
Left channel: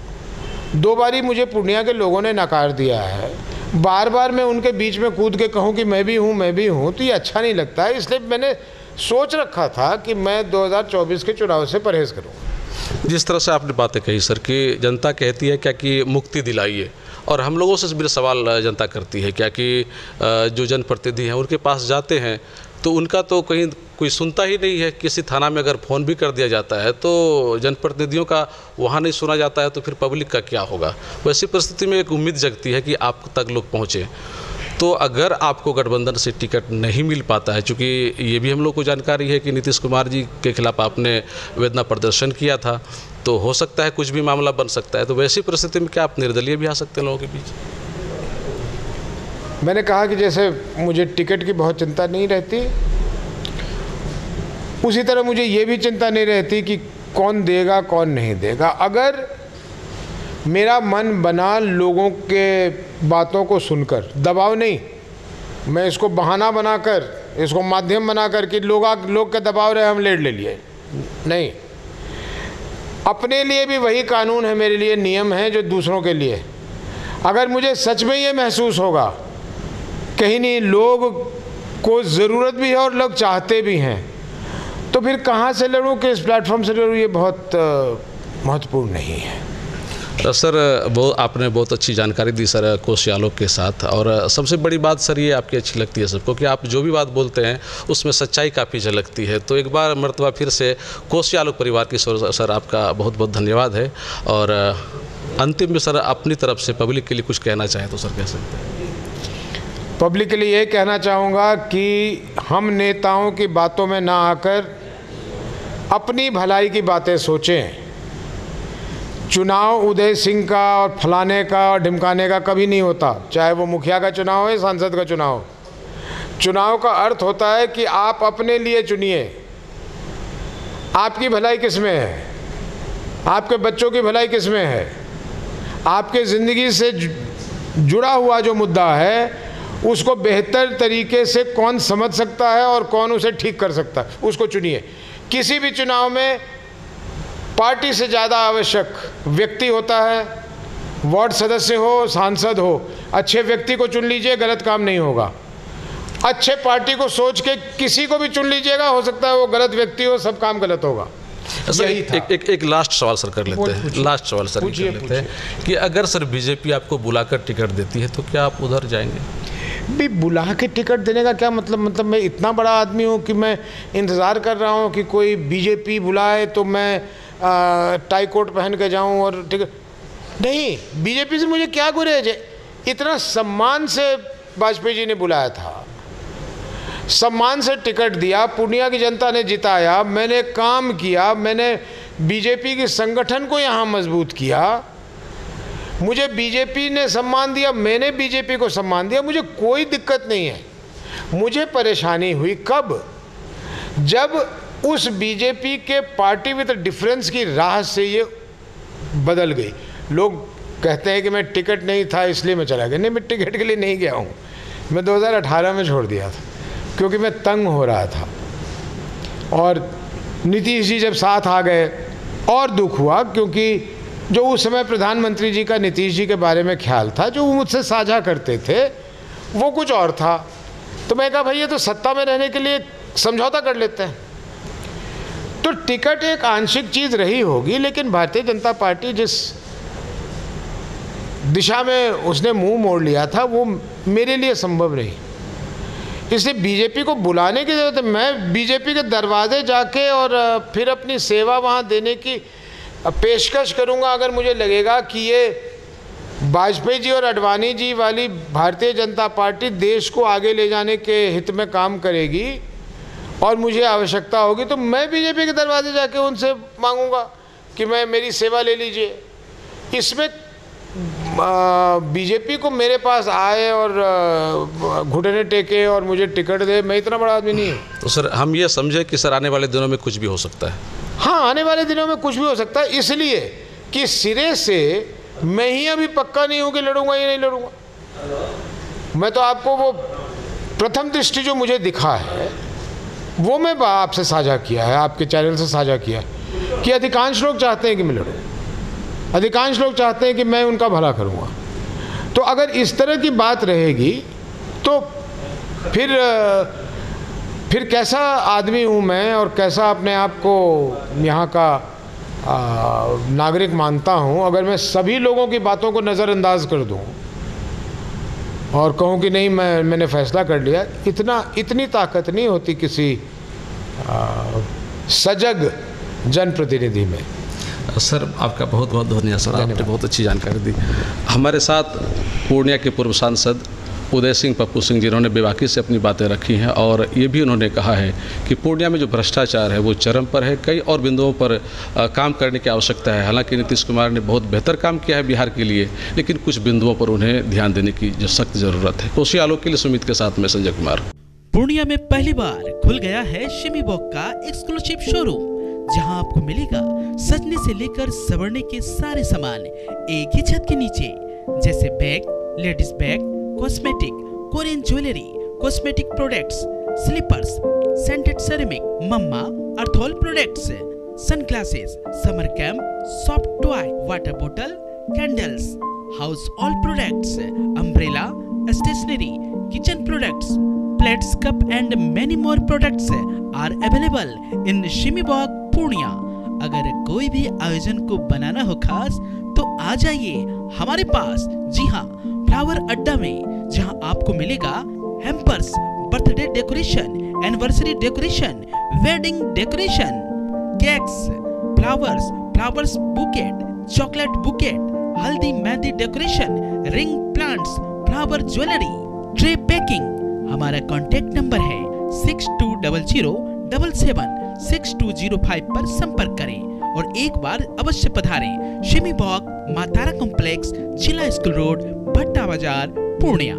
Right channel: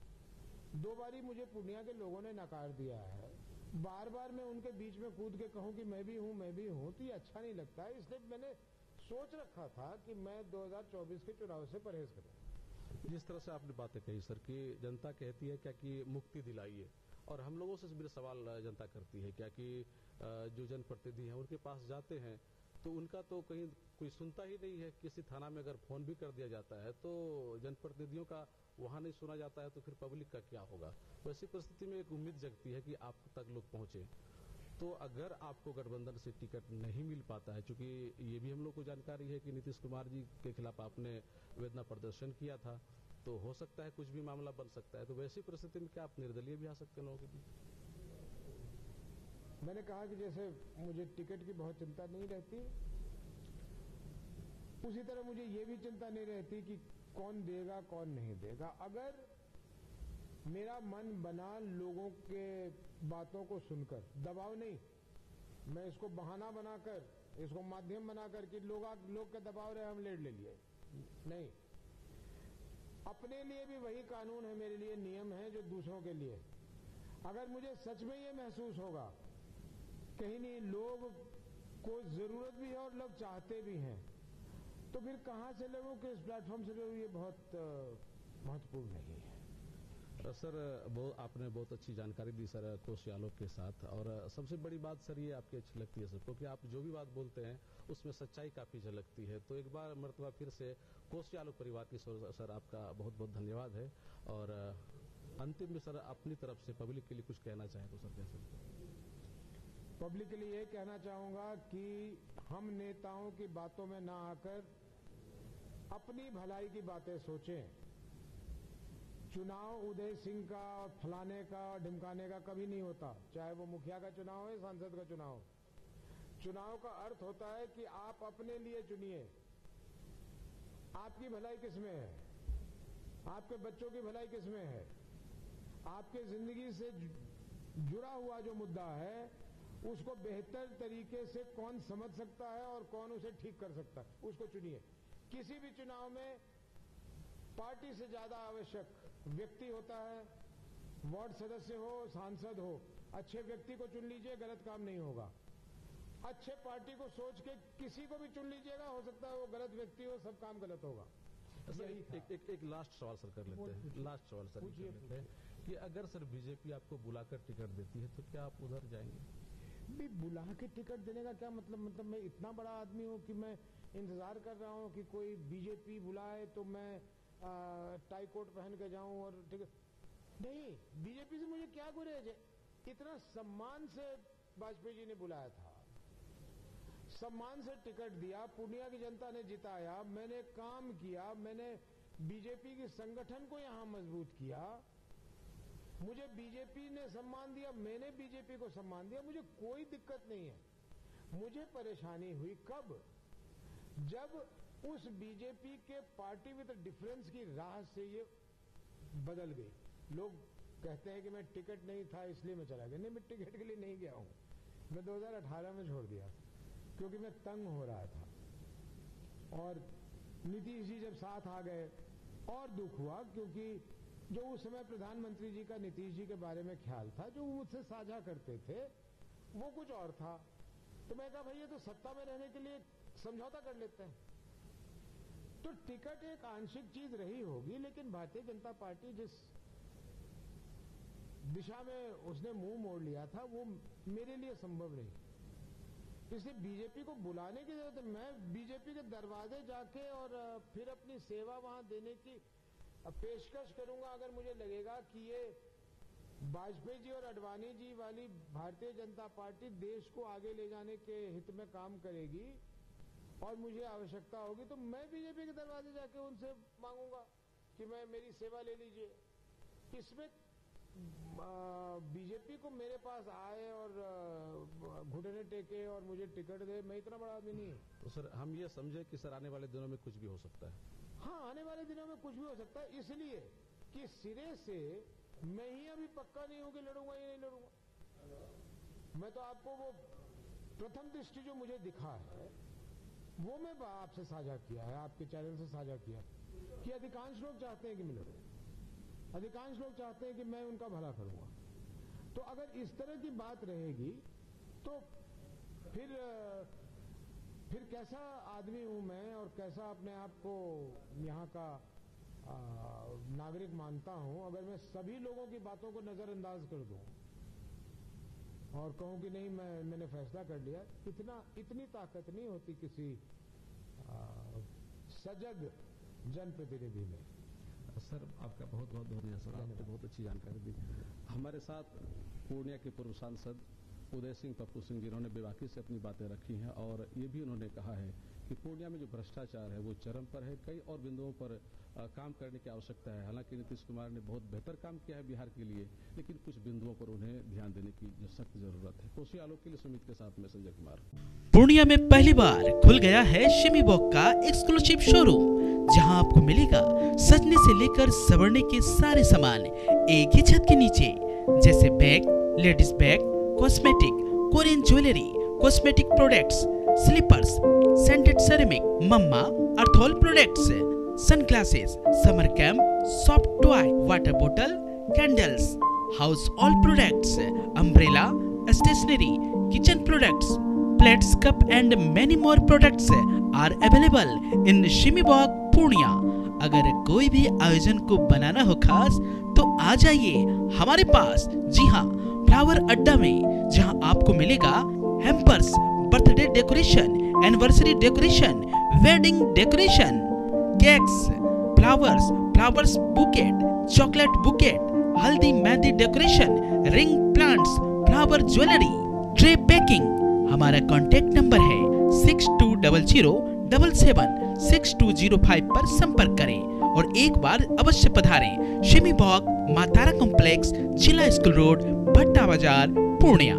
2 बारी मुझे पूर्णिया के लोगों ने नकार दिया है, बार बार मैं उनके बीच में कूद के कहूँ कि मैं भी हूँ तो ये अच्छा नहीं लगता है। इसलिए मैंने सोच रखा था कि मैं 2024 के चुनाव से परहेज़ करूँगा। जिस तरह से आपने बातें कही सर कि जनता कहती है क्या कि मुक्ति दिलाइए, और हम लोगों से भी सवाल जनता करती है क्या कि जो जनप्रतिनिधि हैं उनके पास जाते हैं तो उनका तो कहीं कोई सुनता ही नहीं है। किसी थाना में अगर फ़ोन भी कर दिया जाता है तो जनप्रतिनिधियों का वहाँ नहीं सुना जाता है, तो फिर पब्लिक का क्या होगा। वैसी परिस्थिति में एक उम्मीद जगती है कि आप तक लोग पहुँचे। तो अगर आपको गठबंधन से टिकट नहीं मिल पाता है, चूँकि ये भी हम लोग को जानकारी है कि नीतीश कुमार जी के खिलाफ आपने वेदना प्रदर्शन किया था, तो हो सकता है कुछ भी मामला बन सकता है। तो वैसी परिस्थिति में क्या आप निर्दलीय भी आ सकते हैं लोगों के बीच? मैंने कहा कि जैसे मुझे टिकट की बहुत चिंता नहीं रहती, उसी तरह मुझे ये भी चिंता नहीं रहती कि कौन देगा कौन नहीं देगा। अगर मेरा मन बना लोगों के बातों को सुनकर, दबाव नहीं, मैं इसको बहाना बनाकर, इसको माध्यम बनाकर कि लोग के दबाव रहे हम लेट ले लिए, नहीं। अपने लिए भी वही कानून है, मेरे लिए नियम है जो दूसरों के लिए। अगर मुझे सच में ये महसूस होगा कहीं नहीं लोग को ज़रूरत भी है और लोग चाहते भी हैं, तो फिर कहाँ से लड़ूँ, किस प्लेटफॉर्म से लड़ूँ, ये बहुत महत्वपूर्ण नहीं है। सर वो आपने बहुत अच्छी जानकारी दी सर कोसी आलोक के साथ। और सबसे बड़ी बात सर ये आपकी अच्छी लगती है सबको कि आप जो भी बात बोलते हैं उसमें सच्चाई काफ़ी झलकती है। तो एक बार मर्तबा फिर से कोसी आलोक परिवार की सर आपका बहुत बहुत धन्यवाद है। और अंतिम में सर अपनी तरफ से पब्लिक के लिए कुछ कहना चाहें तो सर कह सकते हैं। पब्लिक के लिए ये कहना चाहूँगा कि हम नेताओं की बातों में ना आकर अपनी भलाई की बातें सोचें। चुनाव उदय सिंह का और फलाने का और ढिमकाने का कभी नहीं होता, चाहे वो मुखिया का चुनाव हो या सांसद का चुनाव हो। चुनाव का अर्थ होता है कि आप अपने लिए चुनिए, आपकी भलाई किस में है, आपके बच्चों की भलाई किस में है, आपके ज़िंदगी से जुड़ा हुआ जो मुद्दा है उसको बेहतर तरीके से कौन समझ सकता है और कौन उसे ठीक कर सकता है, उसको चुनिए। किसी भी चुनाव में पार्टी से ज़्यादा आवश्यक व्यक्ति होता है, वार्ड सदस्य हो सांसद हो, अच्छे व्यक्ति को चुन लीजिए, गलत काम नहीं होगा। अच्छे पार्टी को सोच के किसी को भी चुन लीजिएगा, हो सकता है वो गलत व्यक्ति हो, सब काम गलत होगा। सर एक लास्ट सवाल सर कर लेते हैं, लास्ट सवाल सर कर लेते हैं कि अगर सर बीजेपी आपको बुलाकर टिकट देती है तो क्या आप उधर जाएंगे? भी बुला के टिकट देने का क्या मतलब मैं इतना बड़ा आदमी हूँ कि मैं इंतज़ार कर रहा हूँ कि कोई बीजेपी बुलाए तो मैं टाई कोट पहन के जाऊँ और टिकट? नहीं, बीजेपी से मुझे क्या गुरेज है? इतना सम्मान से वाजपेयी जी ने बुलाया था, सम्मान से टिकट दिया, पूर्णिया की जनता ने जिताया, मैंने काम किया, मैंने बीजेपी के संगठन को यहाँ मजबूत किया, मुझे बीजेपी ने सम्मान दिया, मैंने बीजेपी को सम्मान दिया, मुझे कोई दिक्कत नहीं है। मुझे परेशानी हुई कब? जब उस बीजेपी के पार्टी विद डिफरेंस की राह से ये बदल गई। लोग कहते हैं कि मैं टिकट नहीं था इसलिए मैं चला गया। नहीं, मैं टिकट के लिए नहीं गया हूँ, मैं 2018 में छोड़ दिया था क्योंकि मैं तंग हो रहा था। और नीतीश जी जब साथ आ गए और दुख हुआ, क्योंकि जो उस समय प्रधानमंत्री जी का नीतीश जी के बारे में ख्याल था, जो वो मुझसे साझा करते थे, वो कुछ और था। तो मैं कहा भाई ये तो सत्ता में रहने के लिए समझौता कर लेते हैं। तो टिकट एक आंशिक चीज़ रही होगी, लेकिन भारतीय जनता पार्टी जिस दिशा में उसने मुंह मोड़ लिया था वो मेरे लिए संभव नहीं। इसलिए बीजेपी को बुलाने की जरूरत है। मैं बीजेपी के दरवाजे जाके और फिर अपनी सेवा वहाँ देने की पेशकश करूँगा अगर मुझे लगेगा कि ये वाजपेयी जी और अडवाणी जी वाली भारतीय जनता पार्टी देश को आगे ले जाने के हित में काम करेगी और मुझे आवश्यकता होगी, तो मैं बीजेपी के दरवाजे जाके उनसे मांगूंगा कि मेरी सेवा ले लीजिए। इसमें बीजेपी को मेरे पास आए और घुटने टेके और मुझे टिकट दे, मैं इतना बड़ा आदमी नहीं हूँ। तो सर हम ये समझे कि सर आने वाले दिनों में कुछ भी हो सकता है? हाँ, आने वाले दिनों में कुछ भी हो सकता है, इसलिए कि सिरे से मैं ही अभी पक्का नहीं हूँ कि लड़ूंगा या नहीं लड़ूंगा। मैं तो आपको वो प्रथम दृष्टि जो मुझे दिखा है वो मैं आपसे साझा किया है, आपके चैनल से साझा किया है कि अधिकांश लोग चाहते हैं कि मैं लड़ूँ, अधिकांश लोग चाहते हैं कि मैं उनका भला करूँगा। तो अगर इस तरह की बात रहेगी तो फिर कैसा आदमी हूँ मैं और कैसा अपने आप को यहाँ का नागरिक मानता हूँ अगर मैं सभी लोगों की बातों को नज़रअंदाज कर दूँ और कहूँ कि नहीं मैंने फैसला कर लिया। इतनी ताकत नहीं होती किसी सजग जनप्रतिनिधि में। सर आपका बहुत बहुत धन्यवाद सर, आपने बहुत अच्छी जानकारी दी। हमारे साथ पूर्णिया के पूर्व सांसद उदय सिंह पप्पू सिंह जिन्होंने बेबाकी से अपनी बातें रखी हैं और ये भी उन्होंने कहा है कि पूर्णिया में जो भ्रष्टाचार है वो चरम पर है, कई और बिंदुओं पर काम करने की आवश्यकता है। हालांकि नीतीश कुमार ने बहुत बेहतर काम किया है बिहार के लिए, लेकिन कुछ बिंदुओं पर उन्हें ध्यान देने की जो सख्त ज़रूरत है। कोसी आलोक के लिए सुमित के साथ में संजय कुमार। पूर्णिया में पहली बार खुल गया है शिमी बॉक का एक्सक्लूसिव शोरूम, जहां आपको मिलेगा सजने से लेकर संवरने के सारे सामान एक ही छत के नीचे, जैसे bag, ladies bag, cosmetic, Korean jewellery, cosmetic products, slippers, scented ceramic, Mamaearth products, sunglasses, summer camp, soft toy, water बोतल, candles, house hold products, umbrella, stationery, kitchen products, plates, cup and many more products are available in शिमी बॉक पूर्णिया। अगर कोई भी आयोजन को बनाना हो खास तो आ जाइए हमारे पास। जी हाँ, फ्लावर अड्डा में, जहां आपको मिलेगा hampers, birthday decoration, anniversary decoration, wedding decoration, cakes, flowers bouquet, chocolate bouquet, haldi mehndi decoration, ring plants, flower jewellery, tray packing. हमारा कॉन्टैक्ट नंबर है 6200776205 पर संपर्क करें और एक बार अवश्य पधारें। शिमी बॉक, मातारा कॉम्प्लेक्स, जिला स्कूल रोड, भट्टा बाजार, पूर्णिया।